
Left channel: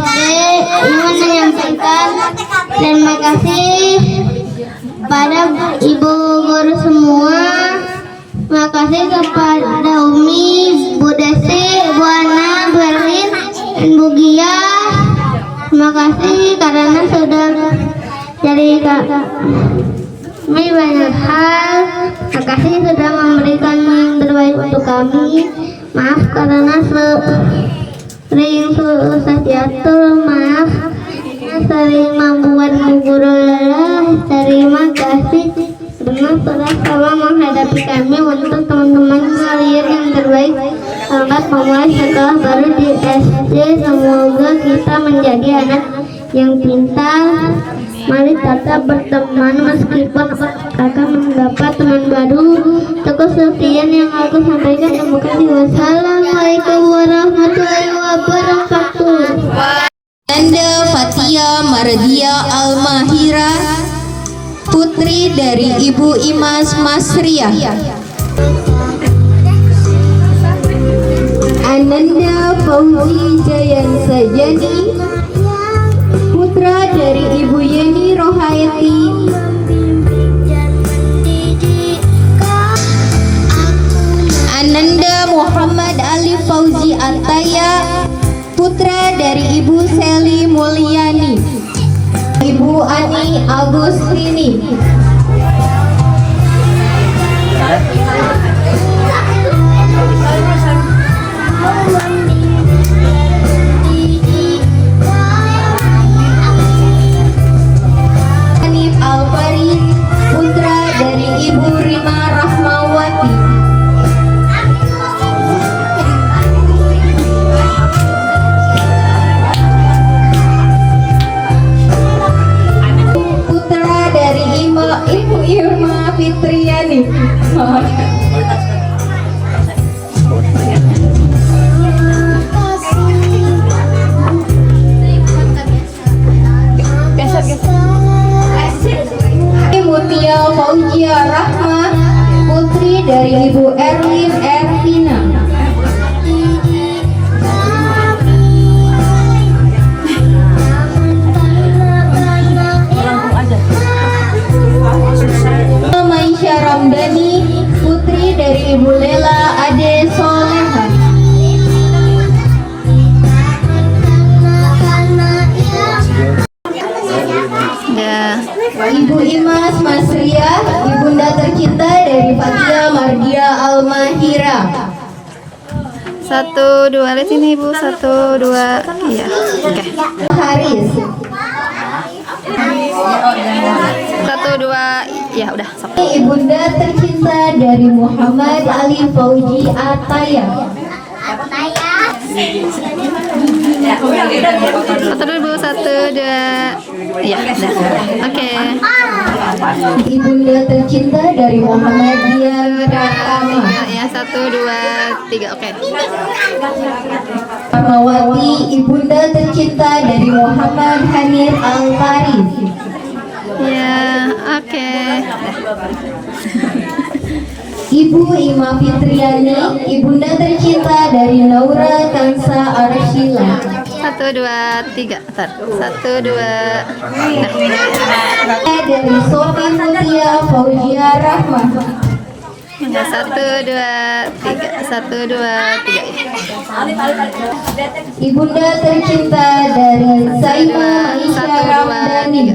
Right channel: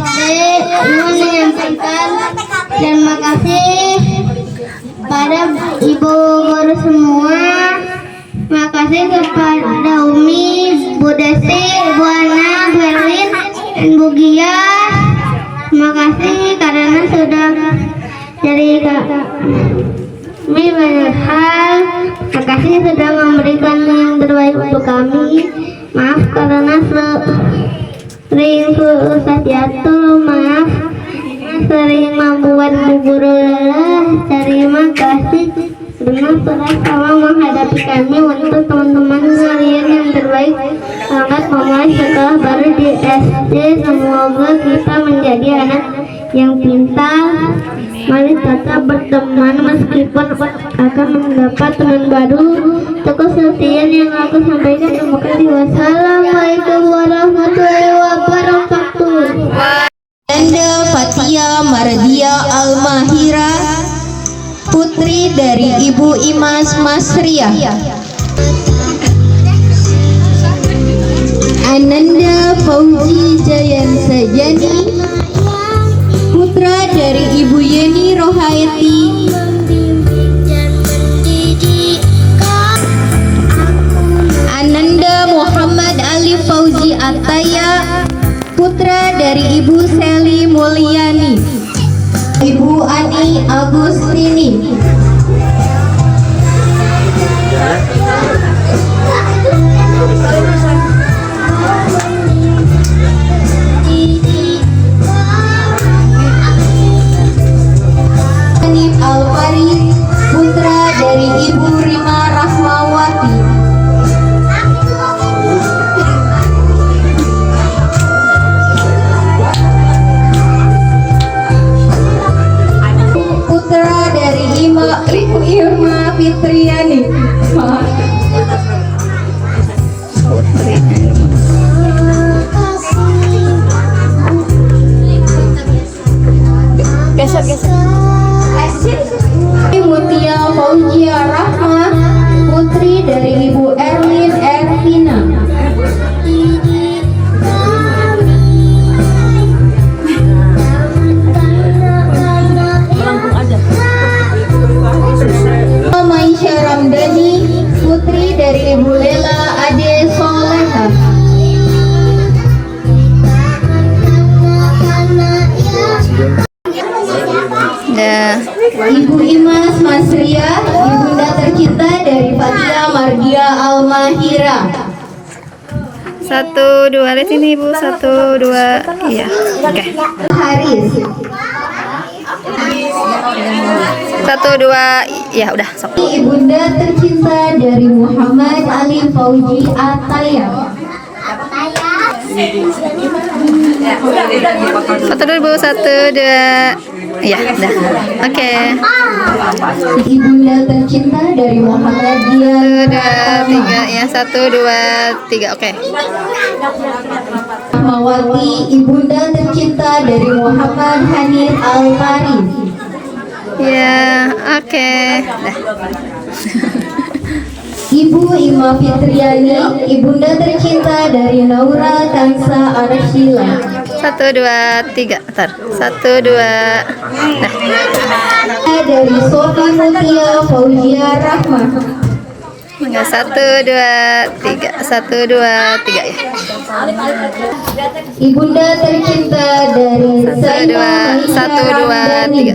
ingin menyampaikan terima kasih pada ibu guru semua. Terima kasih kepada Umi, Bu Desi, Bu Ana, Bu Erlin, dan Bu Gia. Terima kasih karena sudah jadi Kami banyak hal. Makasih sudah memberikan yang terbaik untuk kami. Maaf karena sering susah jatuh. Maaf sering membuat guru lelah. Terima kasih dengan sudah sama menghadapi kami. Untuk teman-teman kalian yang terbaik, selamat memulai sekolah baru di SD. Semoga kita menjadi anak yang pintar. Mari tetap berteman meskipun akan mendapat teman baru. Cukup sekian yang aku sampaikan. Terima kasih. Wassalamualaikum warahmatullahi wabarakatuh. Anda Fatia Mardia Almahira, putri dari Ibu Imas Masriah. Ananda Fauzi Jayan Sajani, putra dari Ibu Yeni Rohayati. Ananda Muhammad Ali Fauzi Ataya, putra dari Ibu Seli Mulyani. Ibu Ani Agustini. Hanif Alfaris, putra dari Ibu Rima Rahmawati. Putra dari Ibu Irma Fitriani. Mutia Fauzia Rahma, putri dari Ibu Erlin Ervina. Maisha Ramdhani, putri dari Ibu Lela Ade Solehan. Dah. Ibu Imas Masriah, ibunda tercinta dari Fatia Mardia Almahira. 1, 2, lihat ini Ibu. 1, 2, iya. Oke. Haris. 1, 2, ya udah. Sok. Ibunda tercinta dari Muhammad Ali Fauzi Ataya. 1 dulu Ibu. 1, 2, iya, udah. Oke. Ibunda tercinta dari Muhammadiyah 1, 2, 3, ya. 1, 2, 3, oke. Rahmawati, ibunda tercinta dari Muhammad Hanif Al-Faris. Ya, oke. Dah. Ibu Ima Fitriani, ibunda tercinta dari Naura Kansa Arshila. 1, 2, 3. Ntar. 1, 2. Dah. Dari Sofi Mutia Fauzia Rahma. Enggak. 1, 2, 3. 1, 2, 3 ya. Ibunda tercinta dari 1, Sayyidina 2, 1, 2, 3.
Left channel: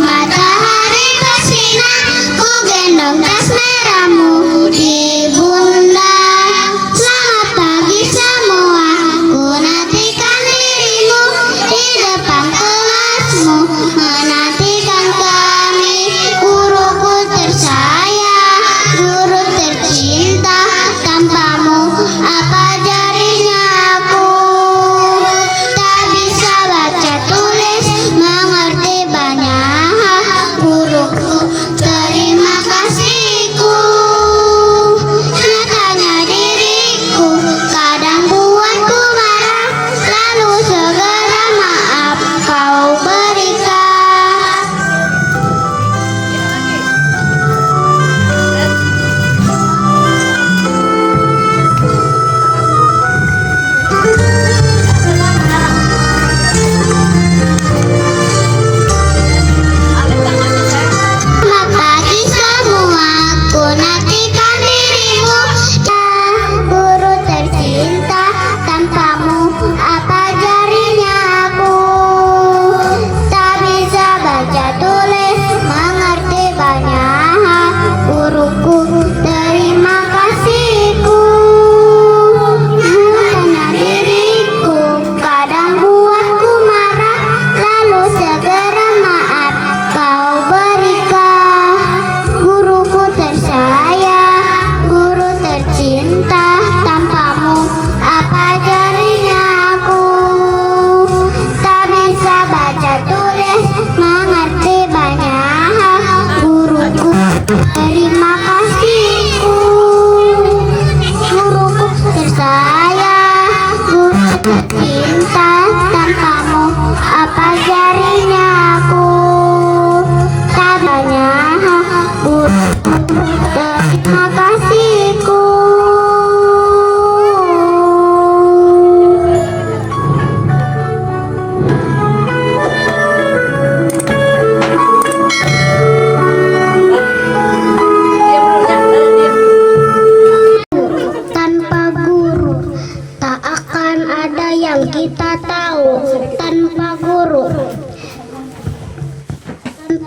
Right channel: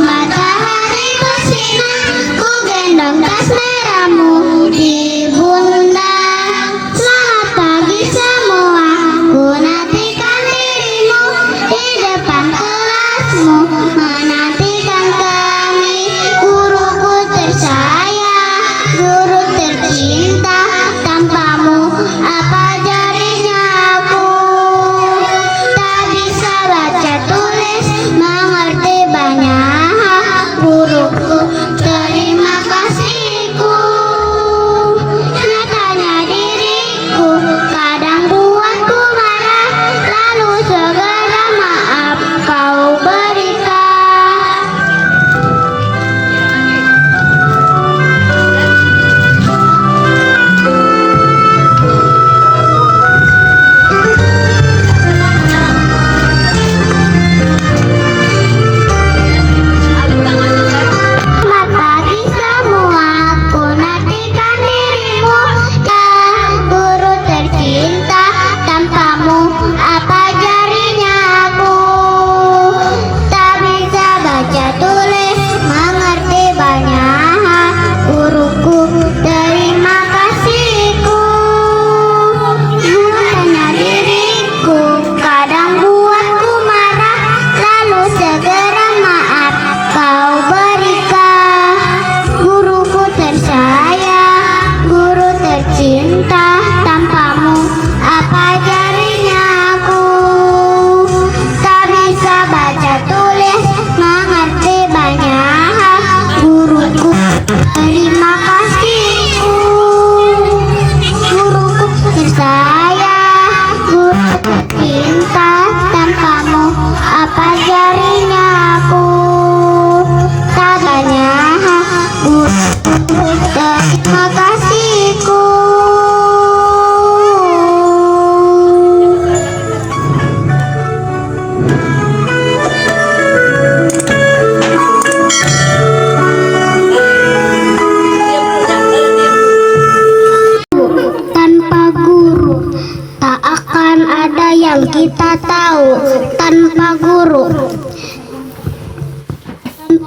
Matahari bersinar, ku gendong tas merahmu di pundak. Selamat pagi semua, ku nantikan dirimu di depan kelasmu. Menantikan kami, guruku tersayang, guru tercinta. Tanpamu apa jadinya aku? Tak bisa baca tulis.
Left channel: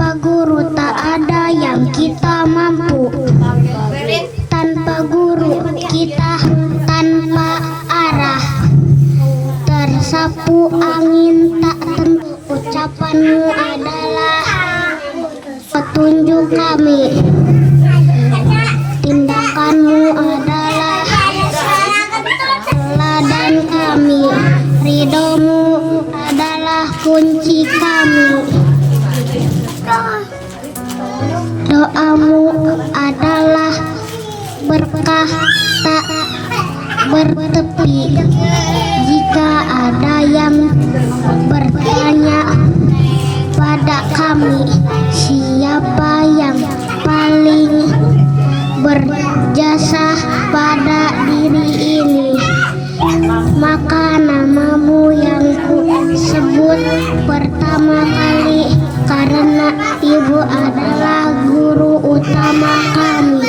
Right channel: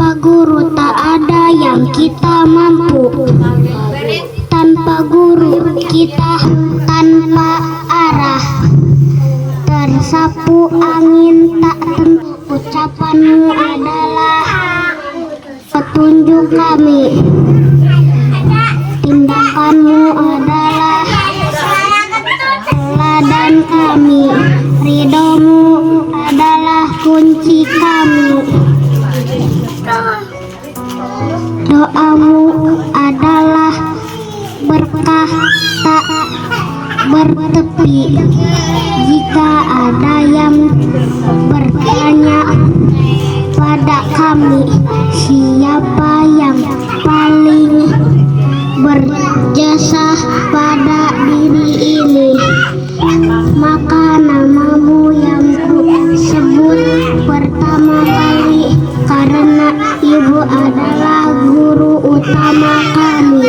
Tanpa guru tak ada yang kita mampu. Tanpa guru kita tanpa arah. Tersapu angin tak tentu. Ucapanmu adalah petunjuk kami. Tindakanmu adalah teladan kami. Ridhomu adalah kunci kami. Doamu adalah berkah tak bertepi. Jika ada yang bertanya pada kami, siapa yang paling berjasa pada diri ini, maka namamu yang ku sebut pertama kali, karena ibu adalah guru utama kami.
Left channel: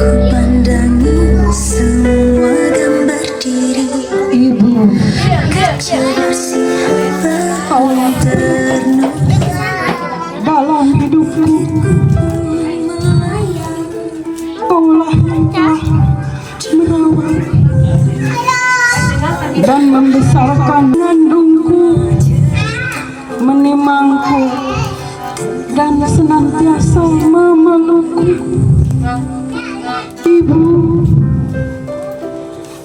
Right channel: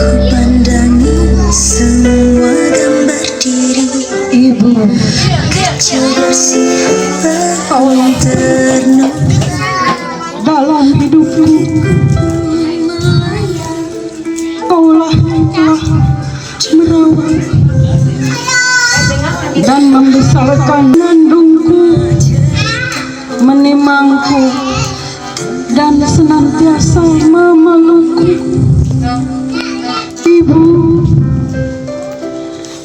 Pandangi semua gambar diri ibu, kecil bersih terno Dalam hidupku, kaulah yang telah merawat dan membesarkan, mengandungku, menimangku, dan senantiasa memelukku. Ibu,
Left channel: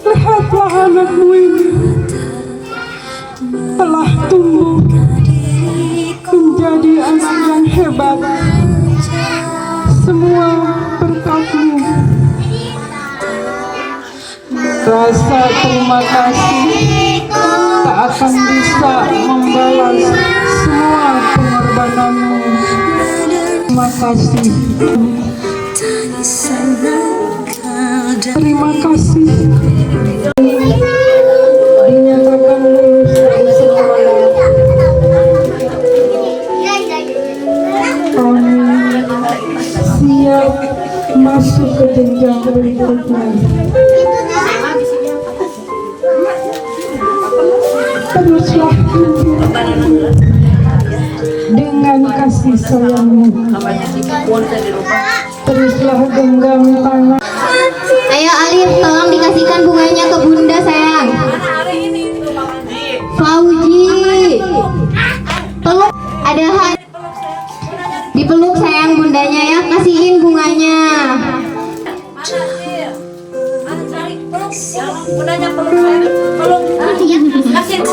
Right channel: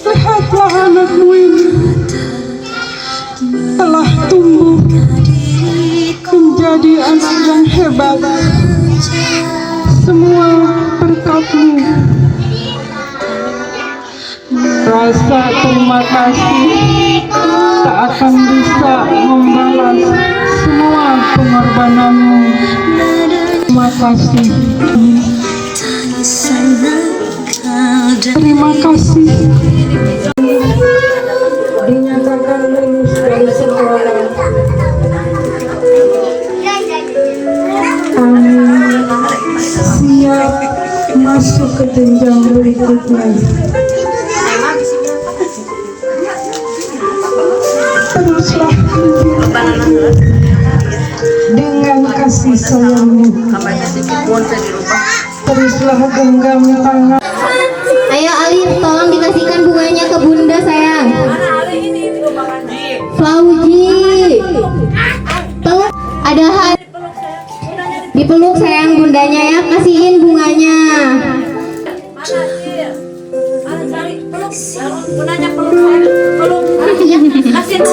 lihatlah anakmu ini telah tumbuh menjadi anak yang hebat. Semua berkatmu. Rasa terima kasih tak akan bisa membalas semua pengorbananmu. Terima kasih. Terima kasih. Dinyatakan lulus dari sekolah. Siap masuk ke jenjang berikutnya. Teruslah dengan kasih sayangmu. Teruslah genggam tangan. Ayo Alif, tolong dikasihkan bunganya ke bunda sayang. Fauji, peluk, ada dipeluk sayang bundanya ya, kasihin bunganya.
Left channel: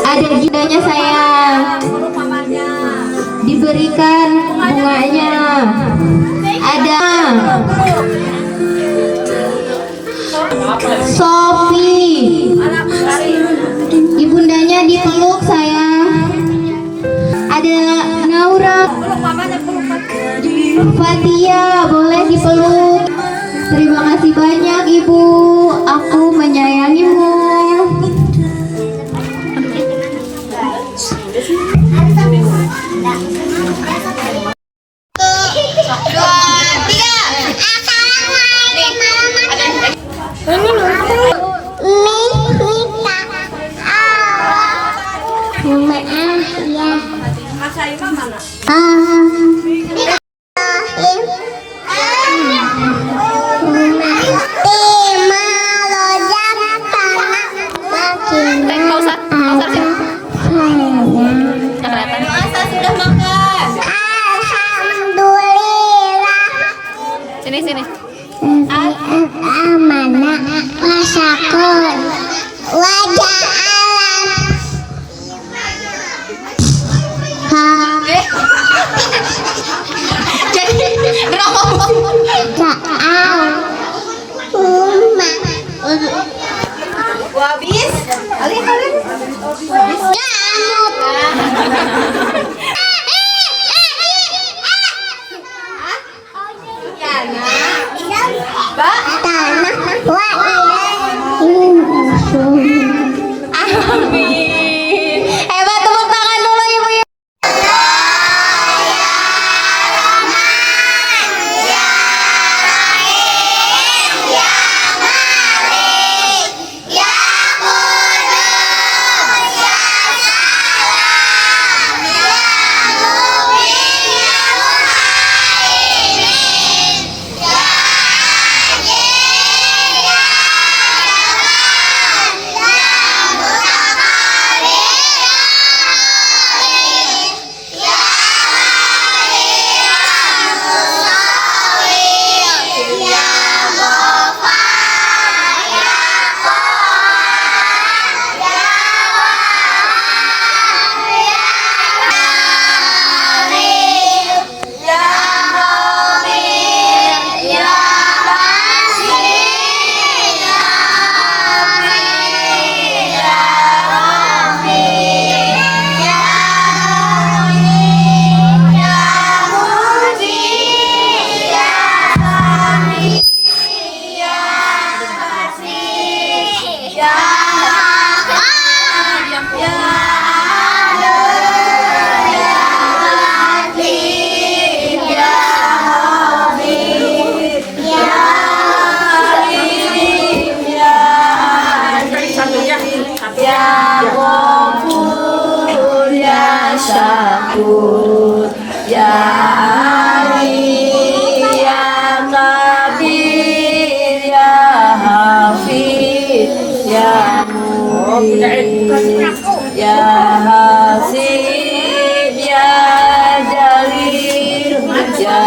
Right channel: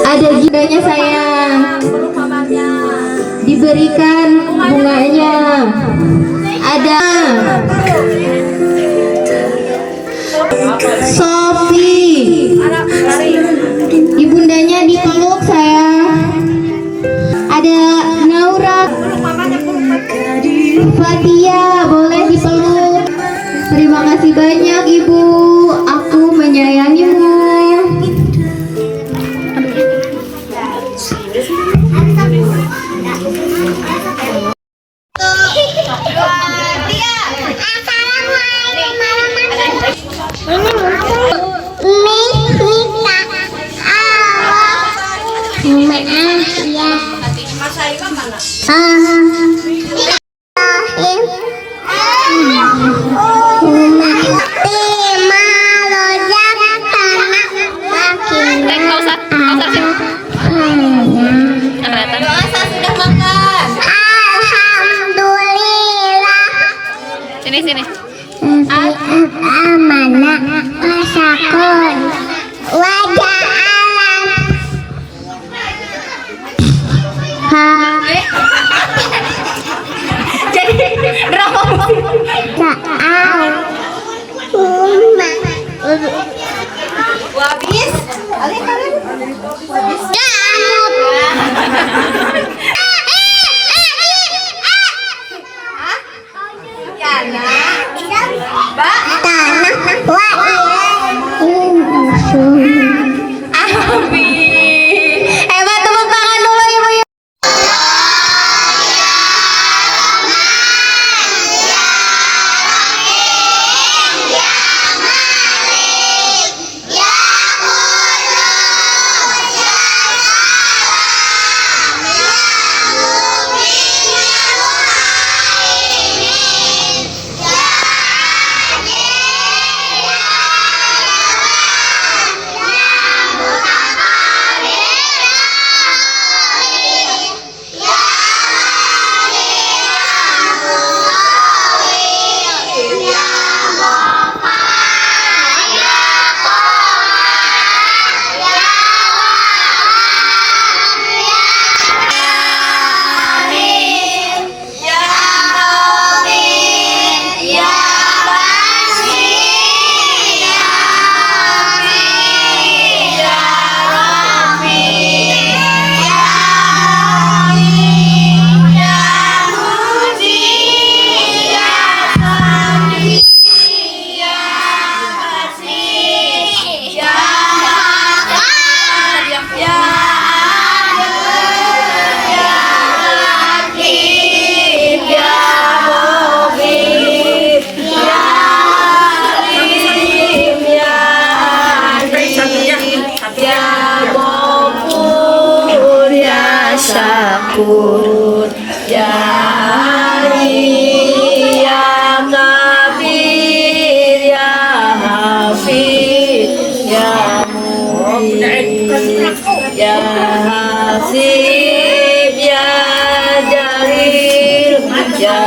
Ada bundanya sayang, diberikan bunganya. Ada Sofi, ibundanya dipeluk sayang. Ada Naura, Fatia boleh dipeluk. Terima kasih banyak ibu, aku menyayangimu. Sini. Amanah wasakon wajah alam. Jadi habis. Tak Ya Ali ya Kabir ya Hafiz ya Mu'id ya Hasib ya Jalil ya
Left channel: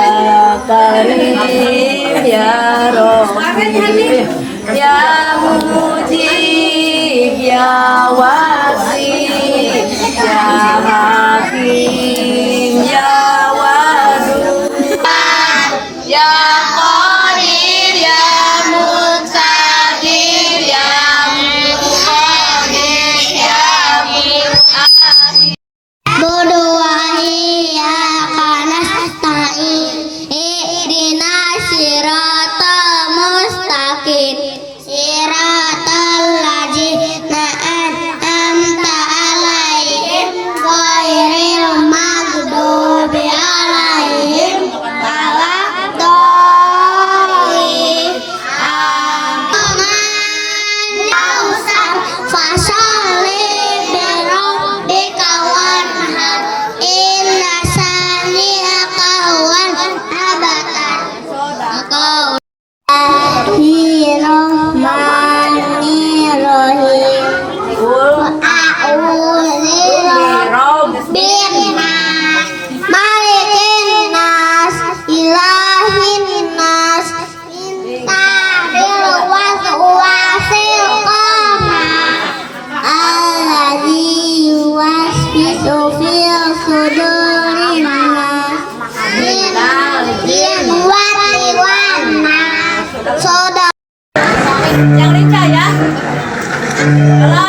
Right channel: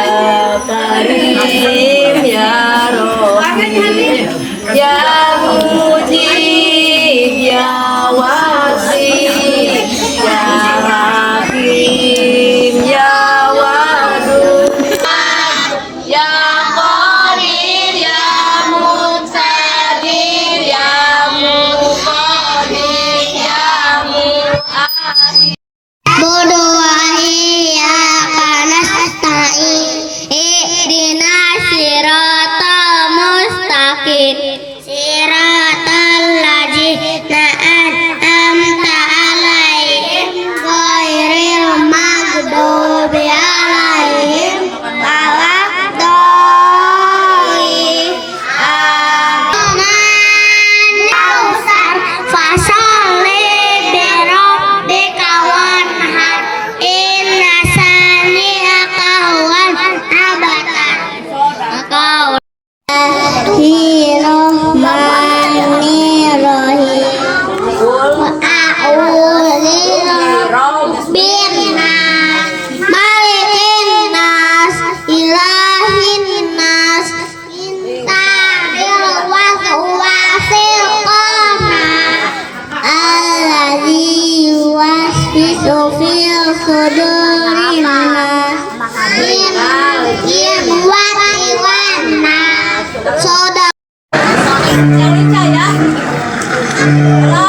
Karim ya Rafiq ya Mujib ya Wasi ya Hakim ya Wadud ya Qadir ya Muqtadir ya Muqtadir ya Mu'ahid Berdoa panas nasta'in ihdinas siratal mustaqim siratal ladzina an'amta 'alaihim ghairil maghdubi 'alaihim waladdallin. Nausar fasalli bi rabbika wanhar inna sani'aka huwal abtar. Bismillahirrahmanirrahim. A'udzu birabbinas malikin nas ilahin nas min syarril waswasil khannas alladzi yuwaswisu fil sudurin nas minal jinnati wan nas. Soda yang lincah ya. Ya.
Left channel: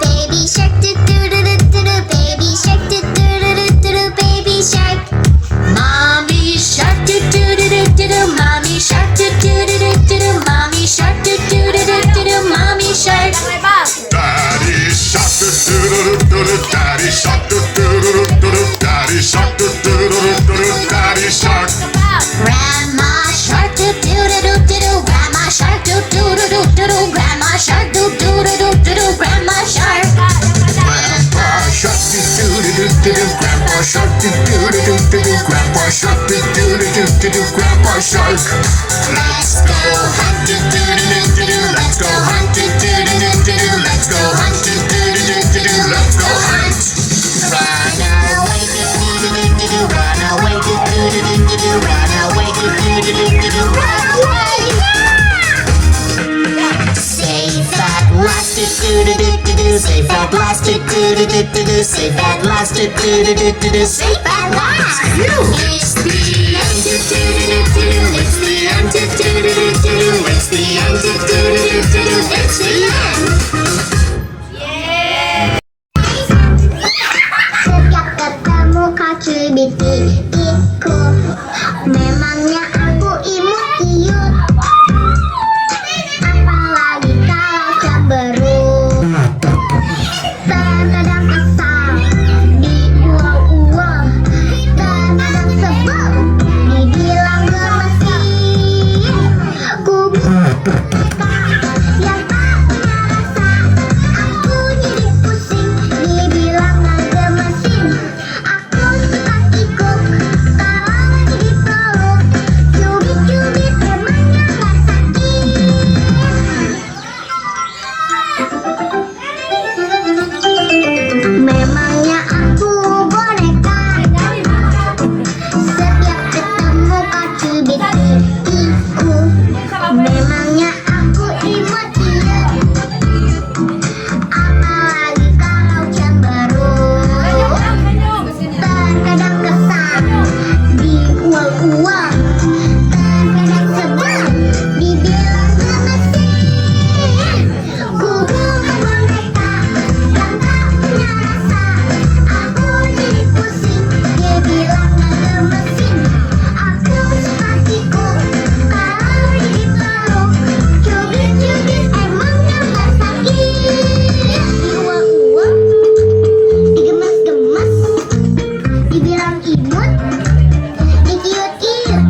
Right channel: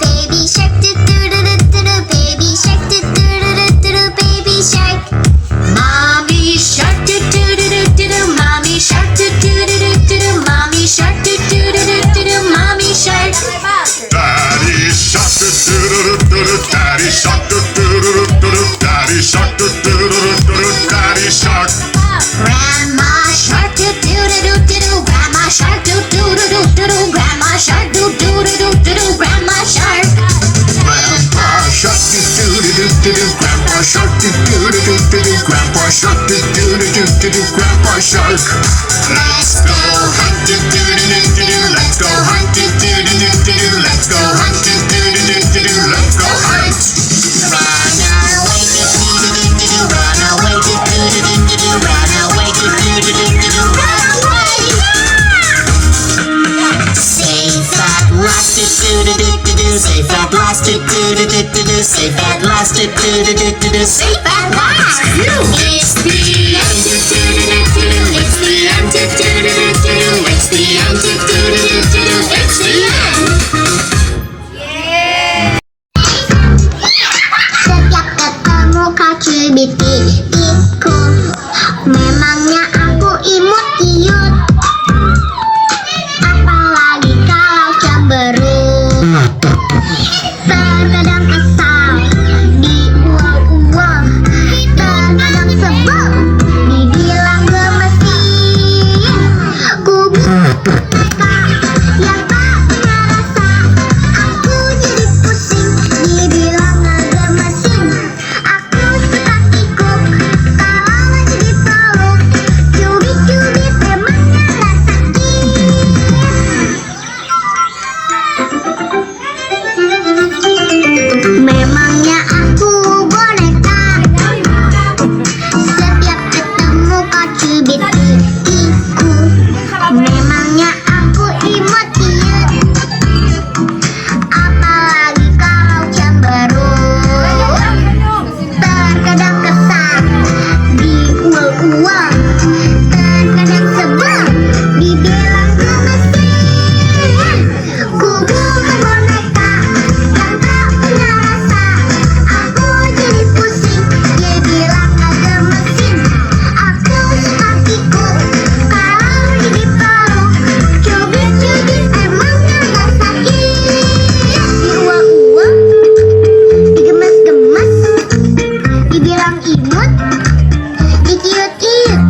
baby shark baby shark baby shark mommy shark mommy shark mommy shark mommy shark Daddy shark daddy shark daddy shark daddy shark grandma shark grandma shark grandma shark grandma shark Grandpa shark grandpa shark grandpa shark grandpa shark let's go hunting let's go hunting let's go hunting let's go hunt run away run away run away safe at last safe at last safe at last safe at last it's the it's the it's the end. Setiap ketemu Kak Cibitiku, memangnya aku imut iut. Apalagi kalau cemberut. Terkadang kesal, diuang-uang. Terkadang sebel, dibilang gemesin. Ku mereka yang tak punya rasa. Aku jadi pusing, dibilang ngegemesin. Aku suka kikuk, kalau lagi dipeluk. Cubit-cubit emangnya gak sakit. Memangnya aku boneka. Setiap ketemu Kak Cibitiku, memangnya aku imut iut. Apalagi kalau cemberut. Terkadang kesal, diuang-uang. Terkadang sebel, dibilang gemesin. Ku bukan boneka yang tak punya rasa. Aku jadi pusing, dia bilang gak gemesin. Aku suka kikuk, kalau lagi dipeluk. Cubit-cubit emangnya gak sakit. Diuang-uang, digemes-gemes, dibilang imut, dikiut-kiut.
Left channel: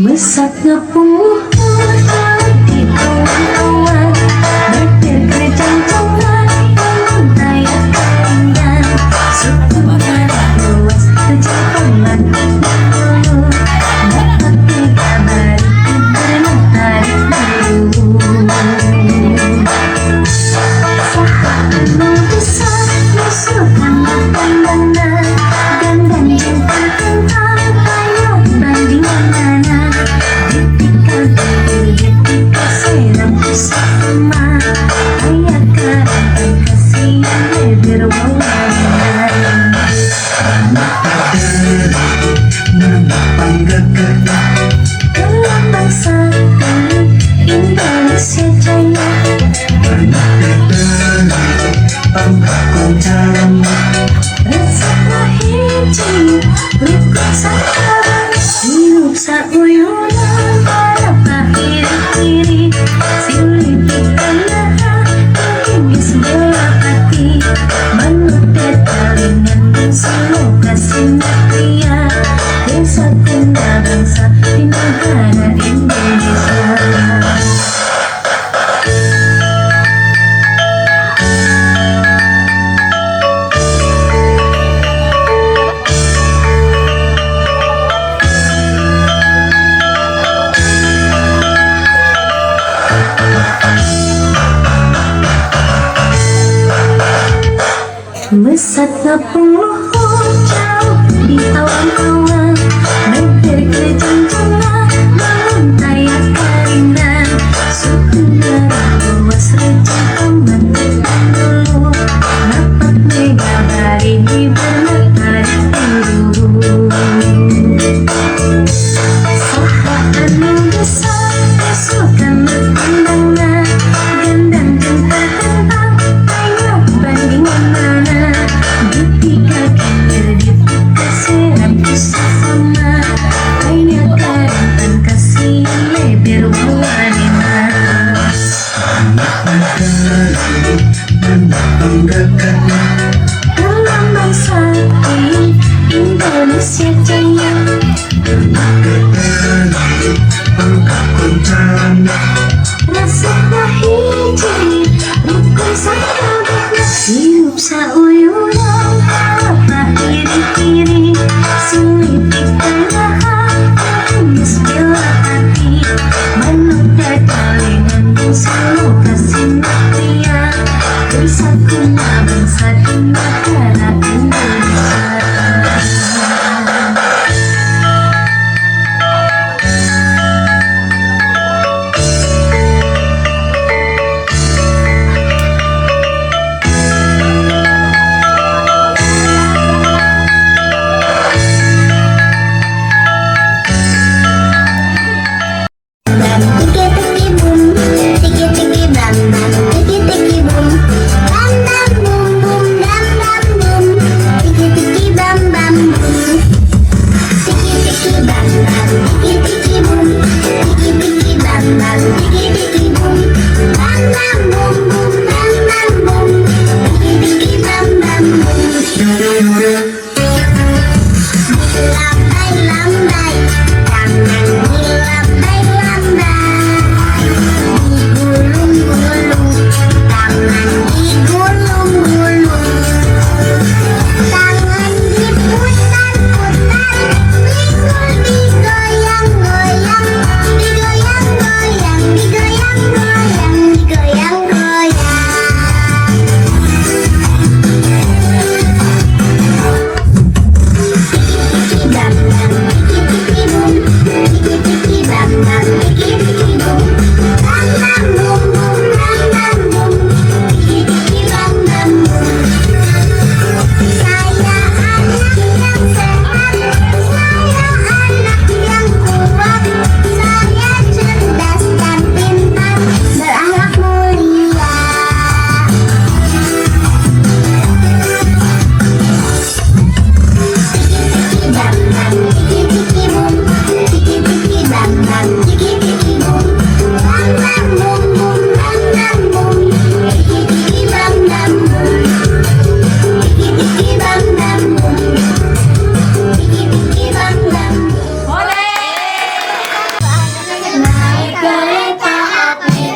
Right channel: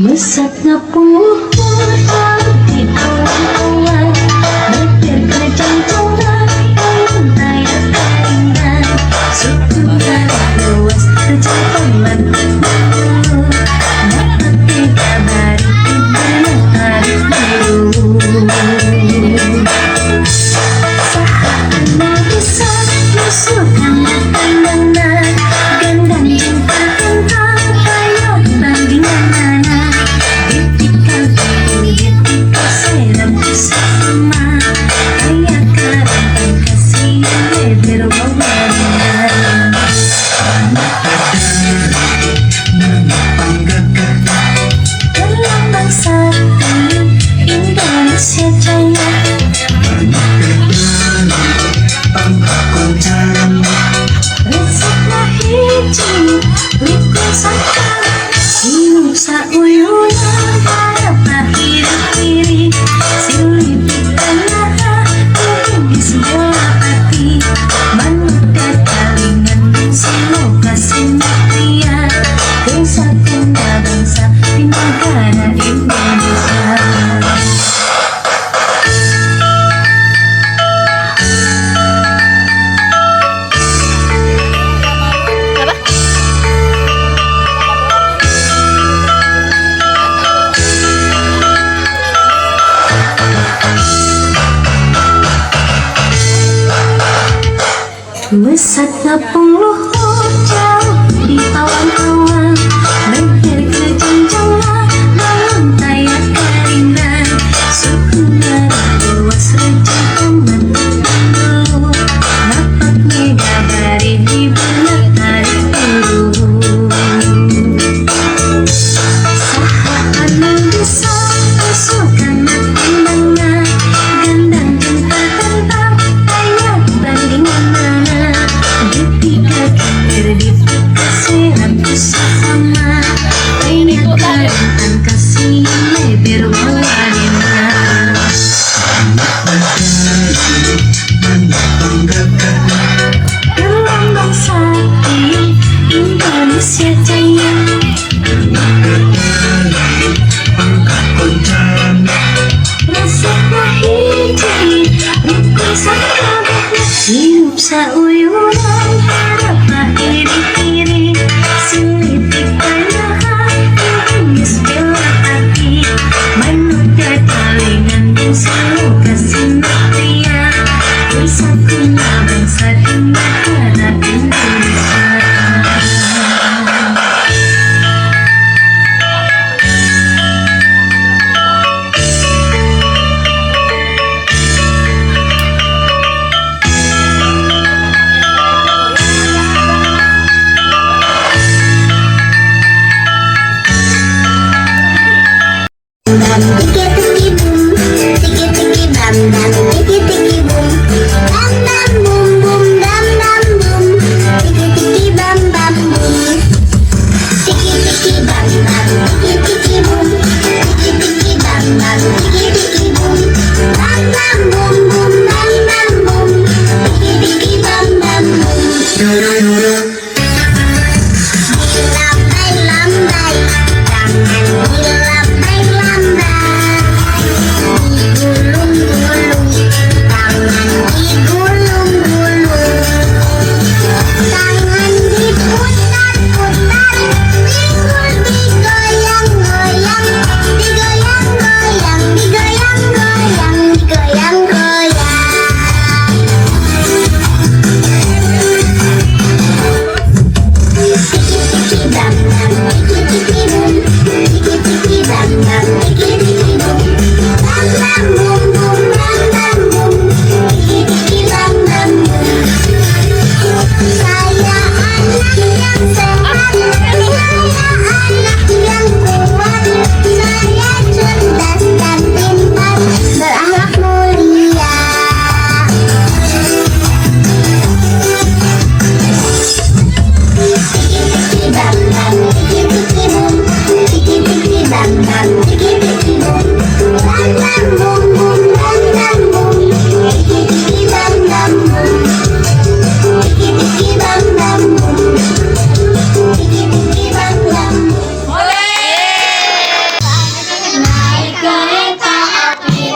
Mesatnya puluh di kawan-kawan, betir kencang-kencang dalam daya keringan, sukunya luas terjang pelan dulu, dapat dikabari diberi tarik dulu. Sahabatnya bisa musuhkan pandangan, gandang yang tertentang kayak bandingan mana. Ketika serang bersama, kayak kerangkang kasih lebar wawanan. Dalam bangsa ini Indonesia Jaya, resepnya hiji rukun sakara, hidup sauyunan para kiri-kiri, sulit ditengah tinggi sebelah hati, manut ketalingan silo kasih pria, bersatunya bangsa di negara Indonesia. Mesatnya penghulu jauh di tawan-tawan, betir kejanjangan bangun kayak keringan, sukunya luas rejang aman dulu, dapat ngegabari di benak hari dulu. Sahabatmu bisa musuhkan pandangan, gandang yang tertentang kayak bandingan mana. Ketika kikir dikasih lampu sama, banyak kerentang kasih lebar wawanan. Dalam bangsa ini Indonesia Jaya, rasanya hiji rukun sahabat, hidup sauyunan para kiri-kiri, sulit ditengah tinggi sebelah hati, manut ketalingan dan selalu kasih pria, bersatunya bangsa di negara Indonesia.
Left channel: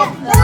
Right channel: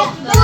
Satu,